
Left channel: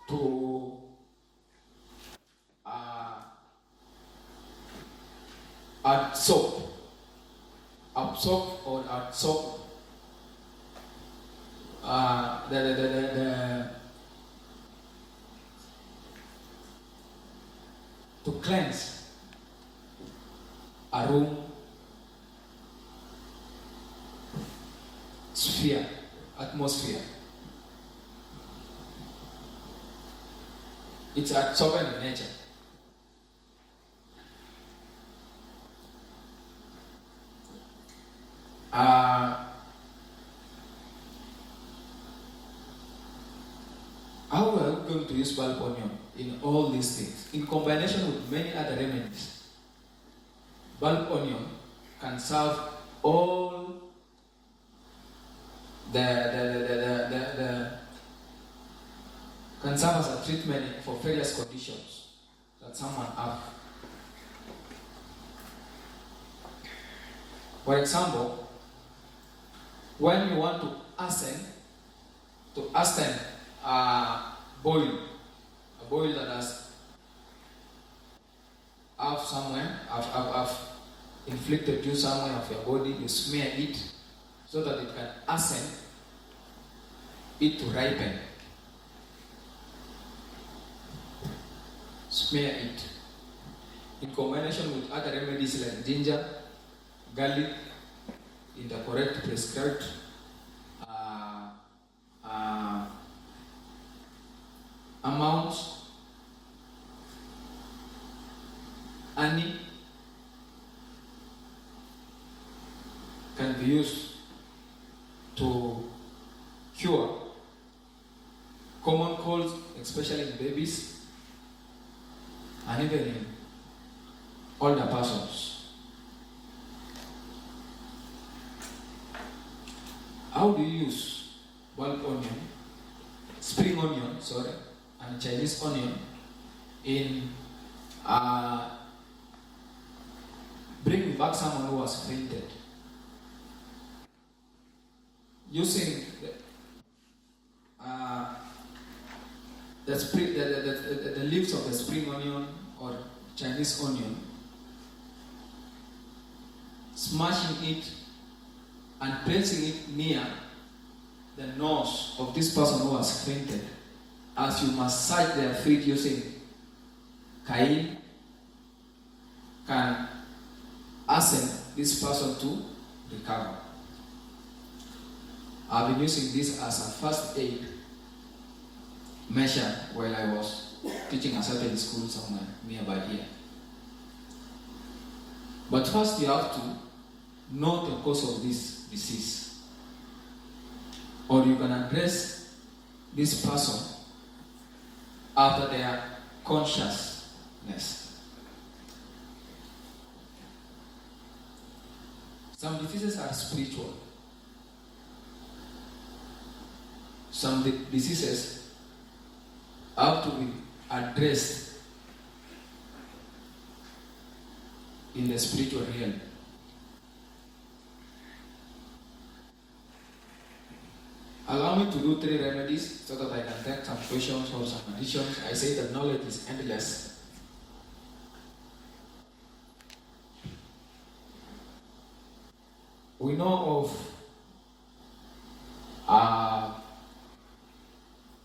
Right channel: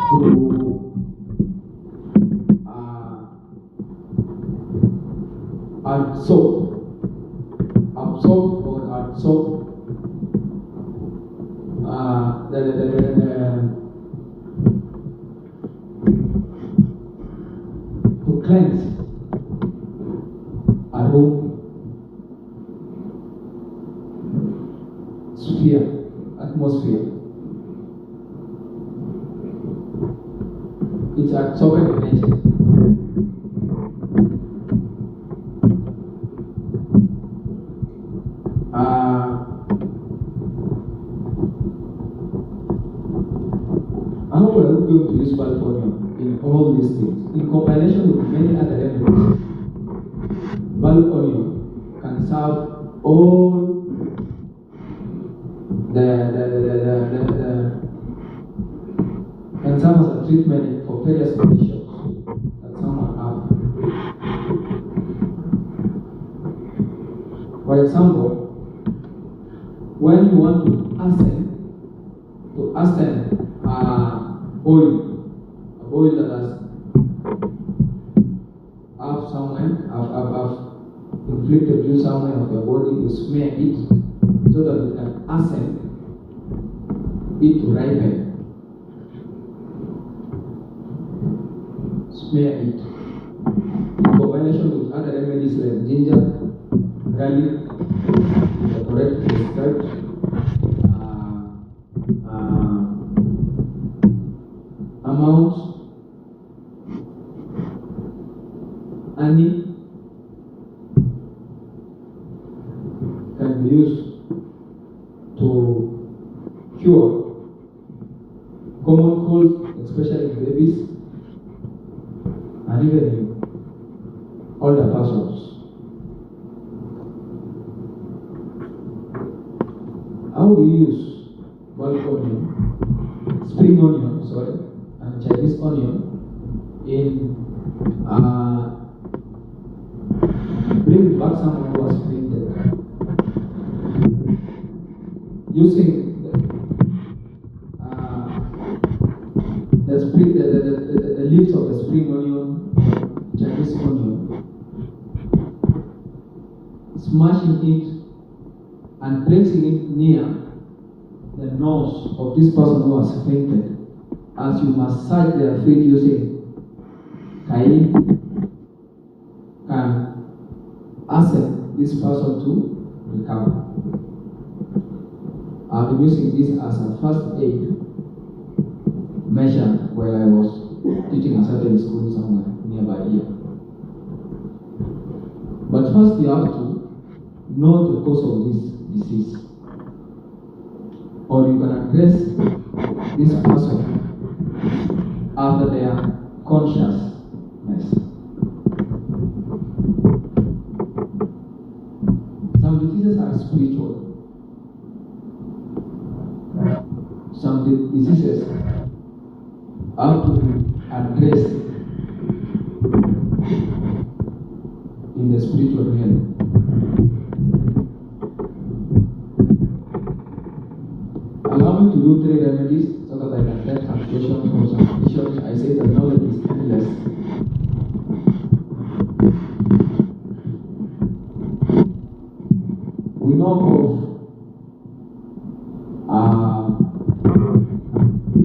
to absorb to cleanse a room atmosphere. It's absorbent in nature. How are we going to use bulb onion in all these things? In combination with many other remedies, bulb onion can serve all can serve as a treatment for various conditions that someone have. For example, when you want to ascend a boil that has have inflicted you somewhere of your body, you smear it so that it can ascend it to ripen. Smear it in combination with other remedies like ginger, garlic, in the correct prescribed amounts, honey can be used to cure common colds, especially in babies and even in older persons. How do you use bulb onion, spring onion, and Chinese onion in bringing back someone who was fainted? Using the leaves of the spring onion or Chinese onion, smashing it and placing it near the nose of this person who has fainted, as you massage their feet using cayenne, can ask this person to recover. I've been using this as a first aid measure while I was teaching a certain school somewhere nearby here. But first you have to know the cause of this disease, or you can address this person after their consciousness. Some diseases are spiritual. Some diseases have to be addressed in the spiritual realm. Allow me to do 3 remedies so that I can take some questions or some additions. I say the knowledge is endless. We know of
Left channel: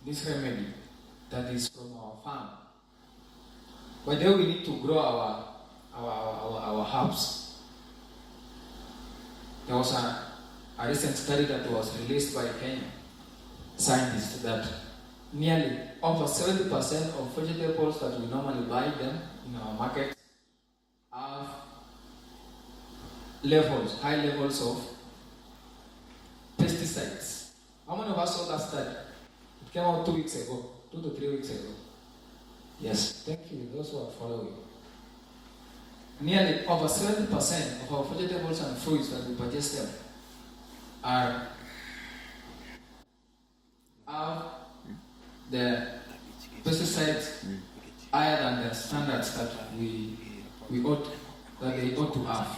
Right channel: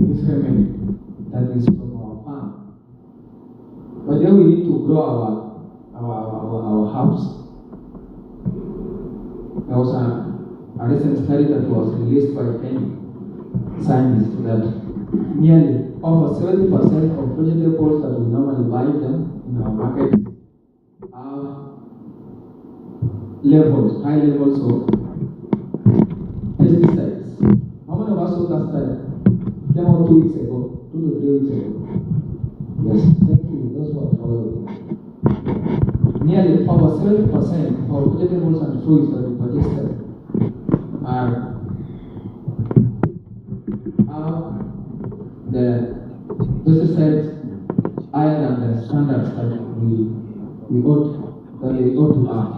this remedy that is from our farm. But then we need to grow our herbs. There was a recent study that was released by Kenya scientists that nearly over 70% of vegetables that we normally buy them in our market have high levels of pesticides. How many of us saw that study? It came out 2 weeks ago, 2 to 3 weeks ago. Yes, thank you, those who are following. Nearly over 70% of our vegetables and fruits that we purchase have the pesticides higher than the standards that they ought to have.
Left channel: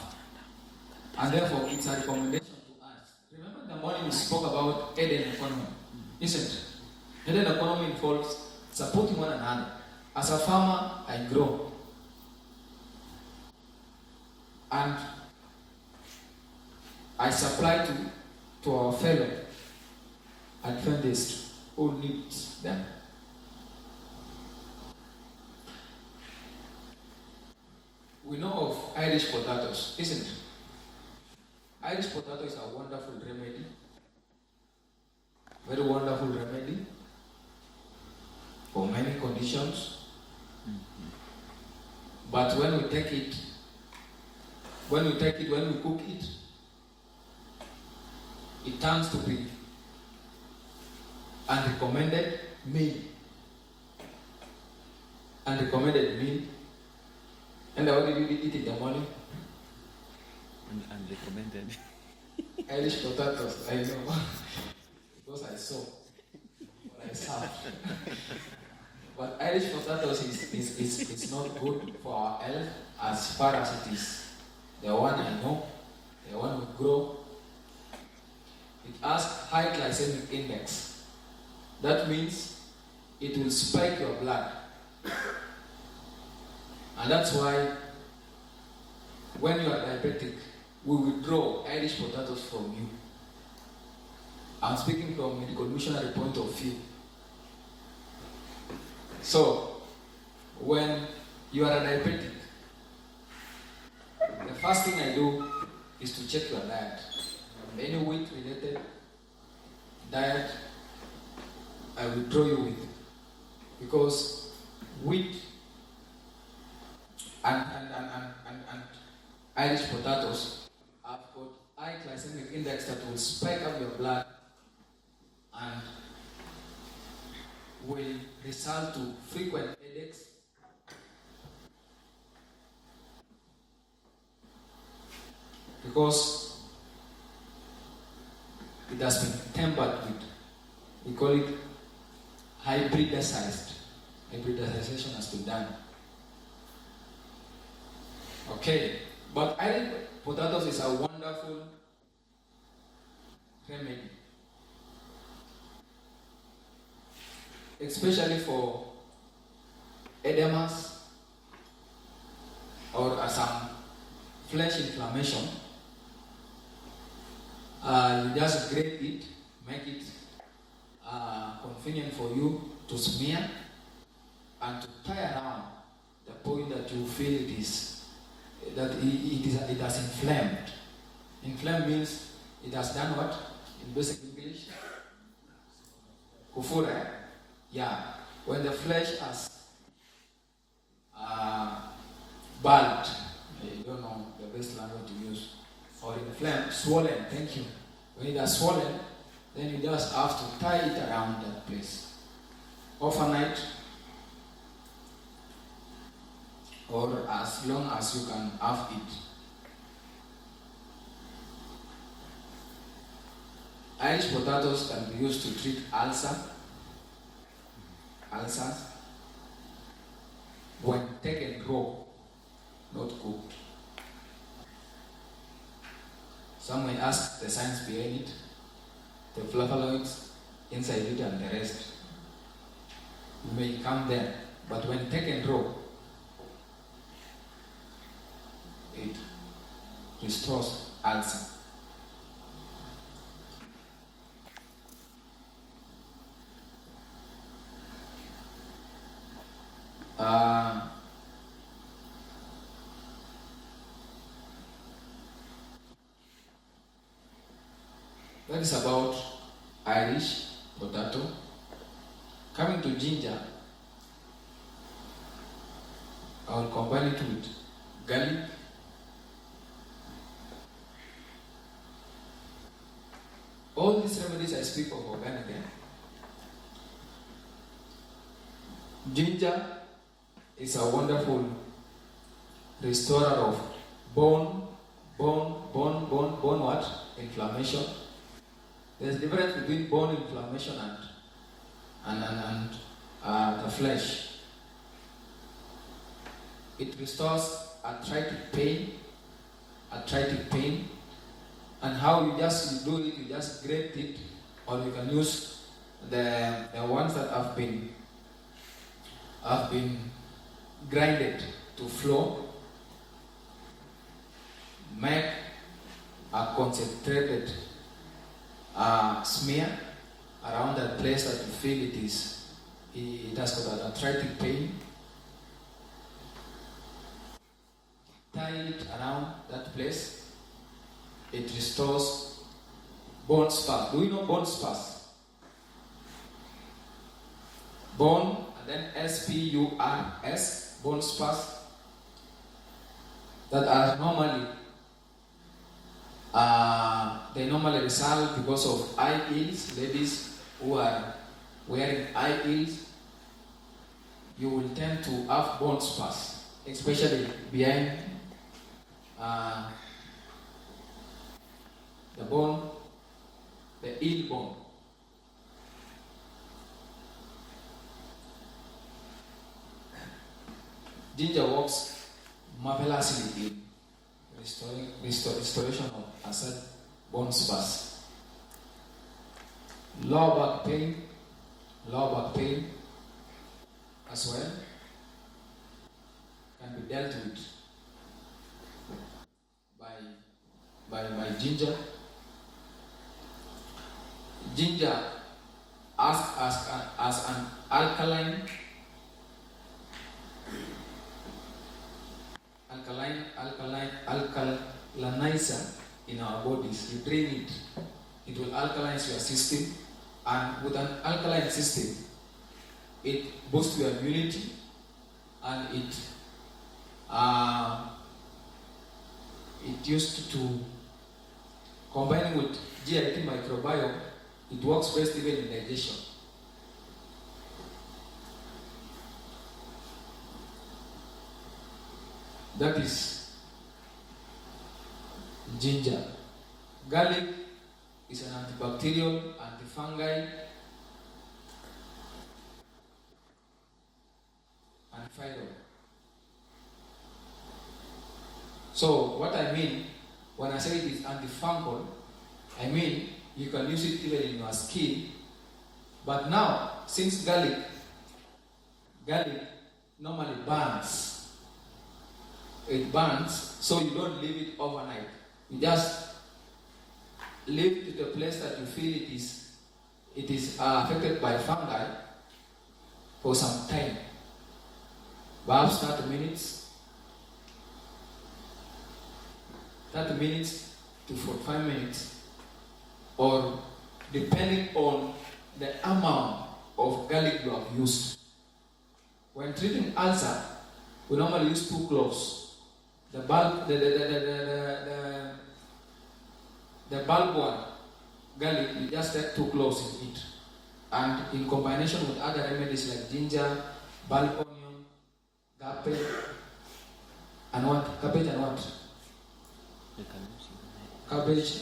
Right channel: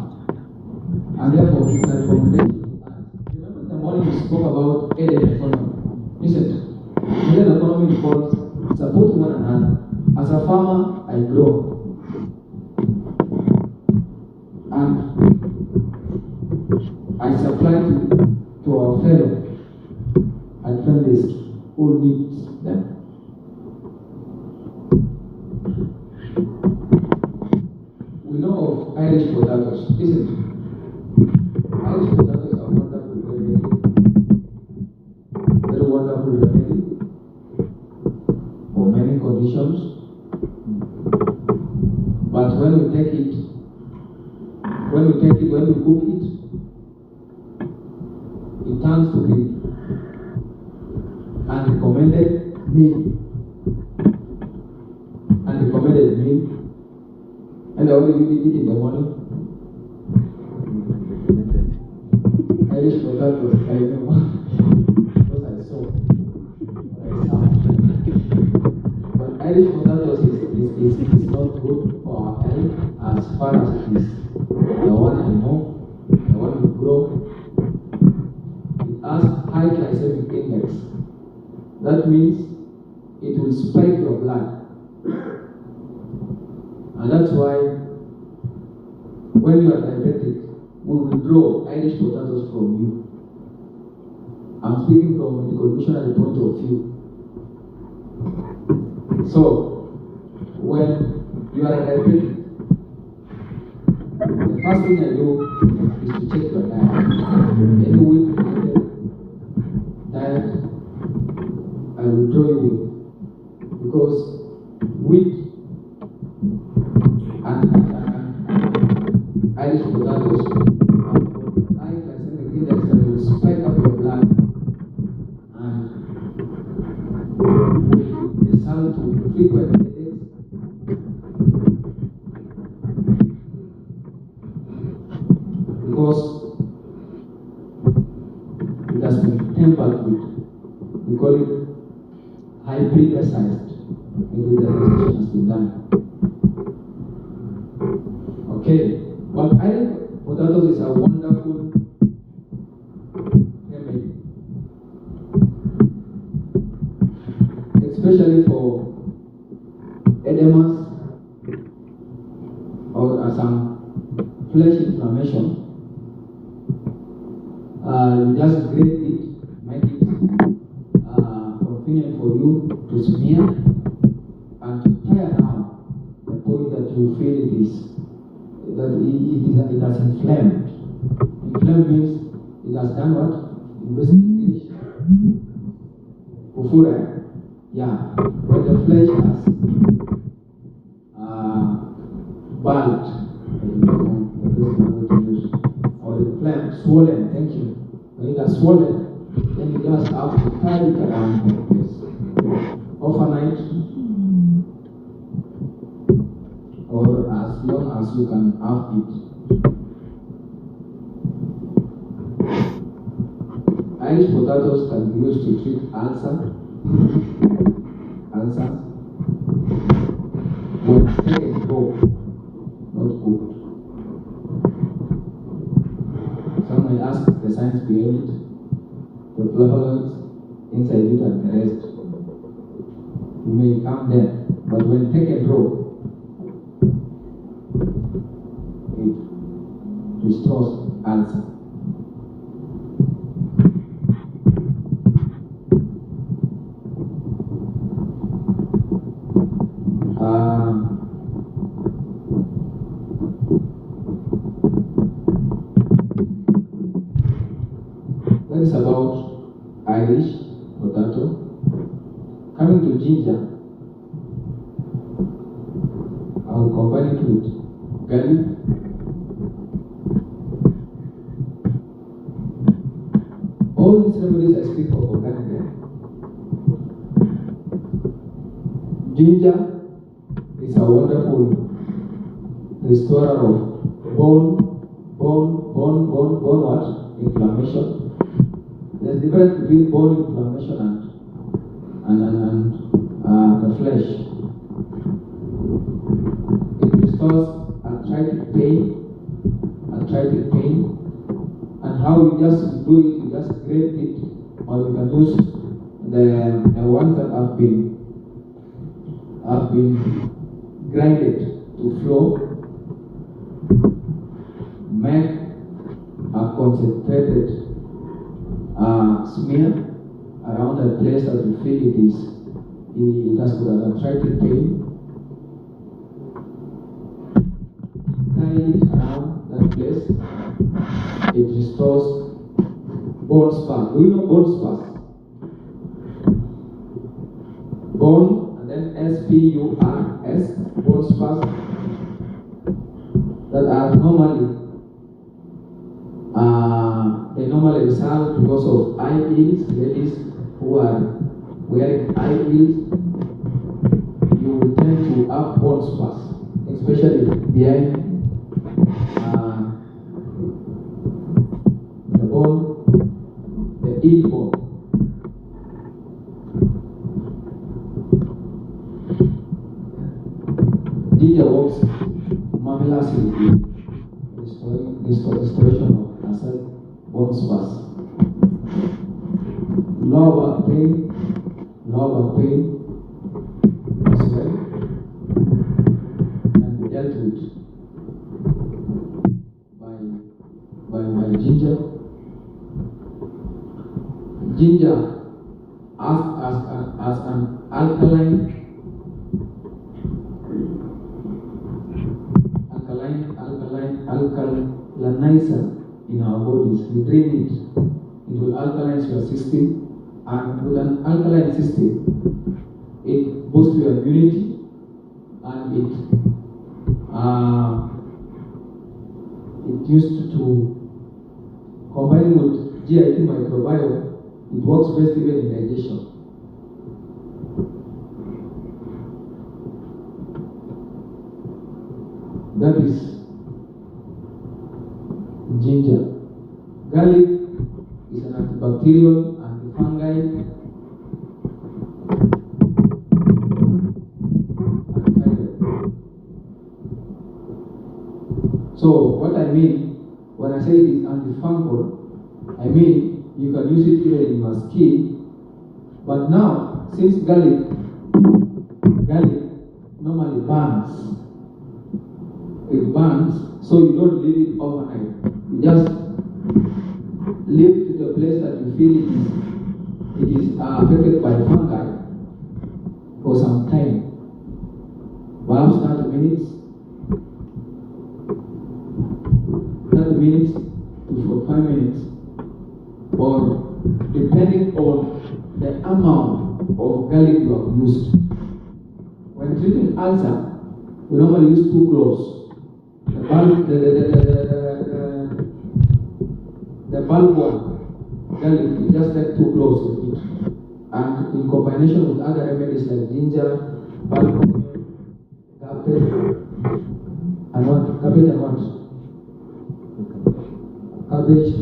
And therefore, it's a recommendation to us. Remember the morning we spoke about aided economy, isn't it? Aided economy involves supporting one another. As a farmer, I grow. And I supply to our fellow Adventists who need them. We know of Irish potatoes, isn't it? Irish potatoes are a wonderful remedy. Very wonderful remedy for many conditions. But when we cook it, it turns to be unrecommended meal. And I only eat it in the morning. Irish potatoes, I know. Because I saw what I saw. But Irish potatoes is not good for our health as far as it is. The one I know, the one we grow, it has high glycemic index. That means it will spike your blood. And that's why when you are diabetic, we withdraw Irish potatoes from you. I'm speaking from a medical missionary point of view. So, when you are a diabetic, the first thing I do is to check your diet. Any wheat-related diet, I will withdraw you with. Because wheat and Irish potatoes have got high glycemic index that will spike up your blood and will result to frequent headaches, because it has been tempered with, we call it hybridized. Hybridization has been done. Okay, but Irish potatoes is a wonderful remedy, especially for edemas or some flesh inflammation. You just grate it, make it convenient for you to smear and to tie around the point that you feel it has inflamed. Inflamed means it has done what? In basic English, kufura. Yeah, when the flesh has burnt, you know the best number to use, or inflamed, swollen. Thank you. When it has swollen, then you just have to tie it around that place overnight, or as long as you can have it. Irish potatoes can be used to treat ulcers when taken raw, not cooked. Some may ask the science behind it, the flavonoids inside it and the rest. We may come there, but when taken raw, it restores ulcer. That is about Irish potato. Coming to ginger, I will combine it with garlic, all these remedies I speak of organic there. Ginger is a wonderful restorer of bone what? Inflammation. There's a difference between bone inflammation and the flesh. It restores arthritic pain, and how you just do it, you just grate it, or you can use the ones that have been grinded to flour, make a concentrated smear around the place that you feel it has got an arthritic pain. Tie it around that place. It restores bone spurs. Do you know bone spurs? Bone and then S-P-U-R-S, bone spurs that are they normally result because of high heels. Ladies who are wearing high heels, you will tend to have bone spurs, especially behind the bone, the heel bone. Ginger works marvelously in restoration of acid bone spurs. Low back pain as well can be dealt with by ginger. Ginger as an alkalinizer in our bodies. You drink it, it will alkalize your system, and with an alkaline system, it boosts your immunity, and it used to combine with GIT microbiome. It works best even in digestion. That is ginger. Garlic is an antibacterial, antifungal, So what I mean when I say it is antifungal, I mean you can use it even in your skin. But now, since garlic normally burns, it burns, so you don't leave it overnight. You just live to the place that you feel it is affected by fungi for some time, perhaps 30 minutes to 45 minutes, or depending on the amount of garlic you have used. When treating ulcer, we normally use 2 cloves. The bulb one, garlic, you just take 2 cloves of it. And in combination with other remedies like ginger, bulb onion, cabbage, and what? Cabbage and what? Cabbage,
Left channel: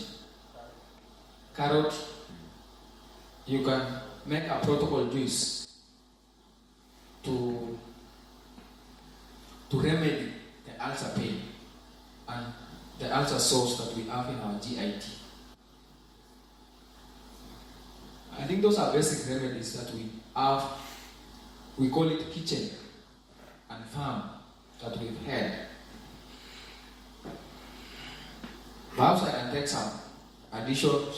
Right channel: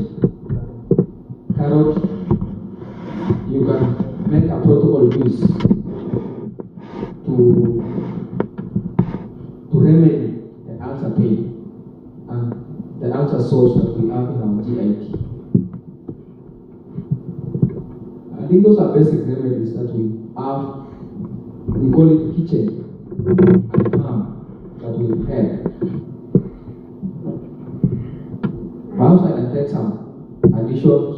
carrot, you can make a protocol juice to remedy the ulcer pain and the ulcer sores that we have in our GIT. I think those are basic remedies that we have. We call it kitchen and farm that we've had. Perhaps I can take some additions.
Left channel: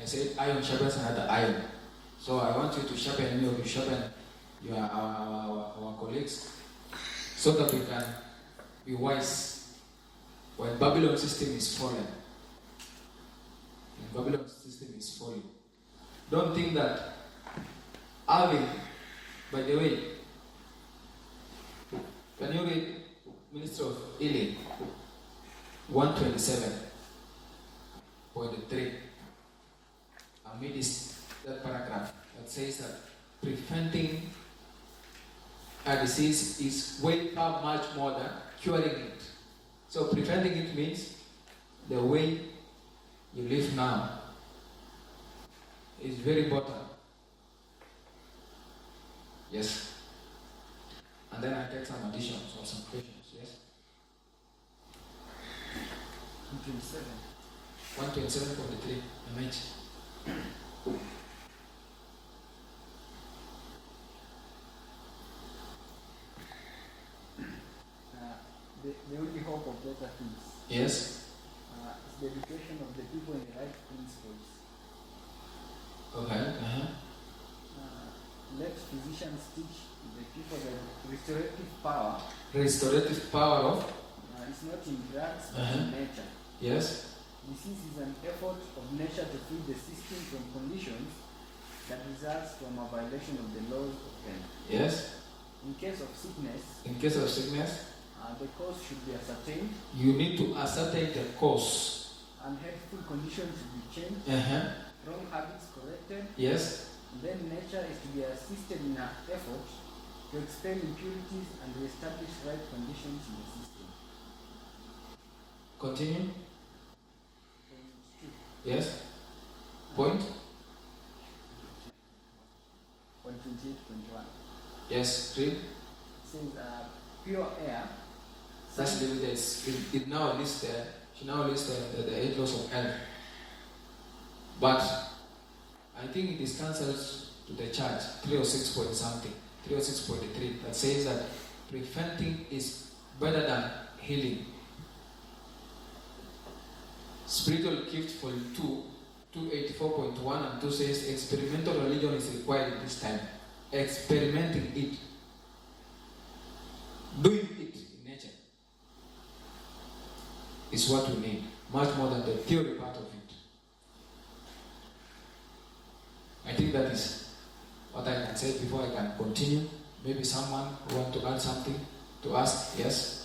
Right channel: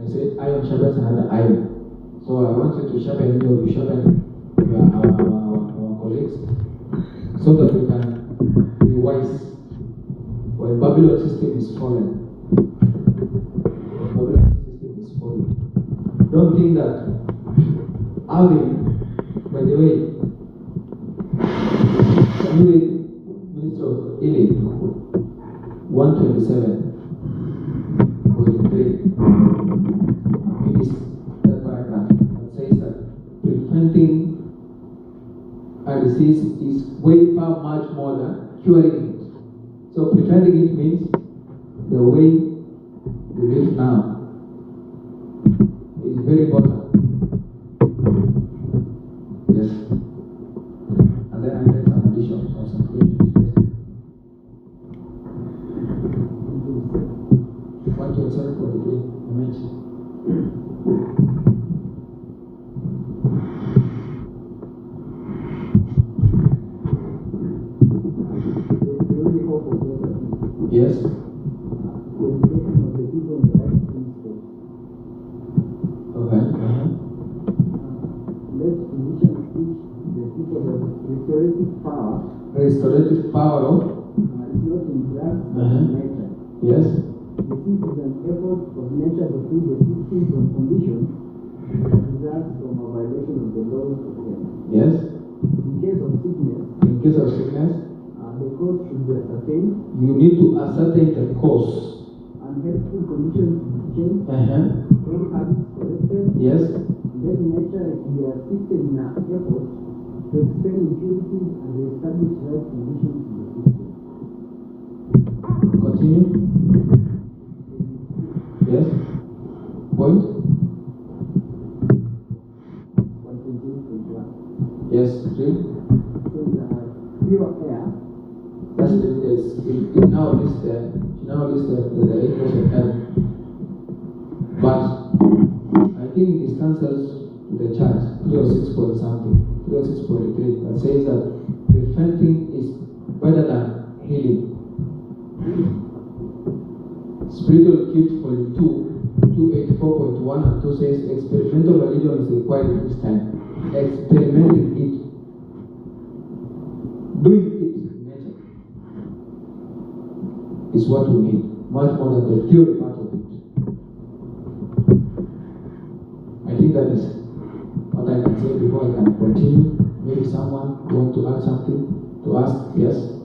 I say iron sharpens another iron. So I want you to sharpen me, or you sharpen our colleagues, so that we can be wise when Babylon system is fallen. When Babylon system is falling. Don't think that having, by the way, you read Minister of Healing 127. 3. I mean, that paragraph that says that preventing a disease is way much more than curing it. So preventing it means the way you live now is very important. Yes. And then I take some additions or some questions. Yes. 127.43. I mentioned. The only hope of better things. Yes. The education of the people in the right principles. Okay. Let physicians teach the people that restorative power Restorative power of. is not in drugs but in nature. Yes. Disease is an effort of nature to free the system from conditions that results from a violation of the laws of health. Yes. In case of sickness, In case of sickness, the cause should be ascertained, you need to ascertain the cause. unhealthful conditions should be changed, wrong habits corrected. Yes. Then nature is to be assisted in an effort to expel impurities and reestablish right conditions in the system. Continue. Yes. Point. 128.1. Yes. Read. It says pure air. That's it now lists the 8 laws of health. But I think it is cancelled to the church 306 point something, 306.3, that says that preventing is better than healing. Spiritual gift for 284.1 and 2 says experimental religion is required in this time. Experimenting it. Doing it in nature is what we need, much more than the theory part of it. I think that is what I can say before I can continue. Maybe someone want to add something to ask? Yes?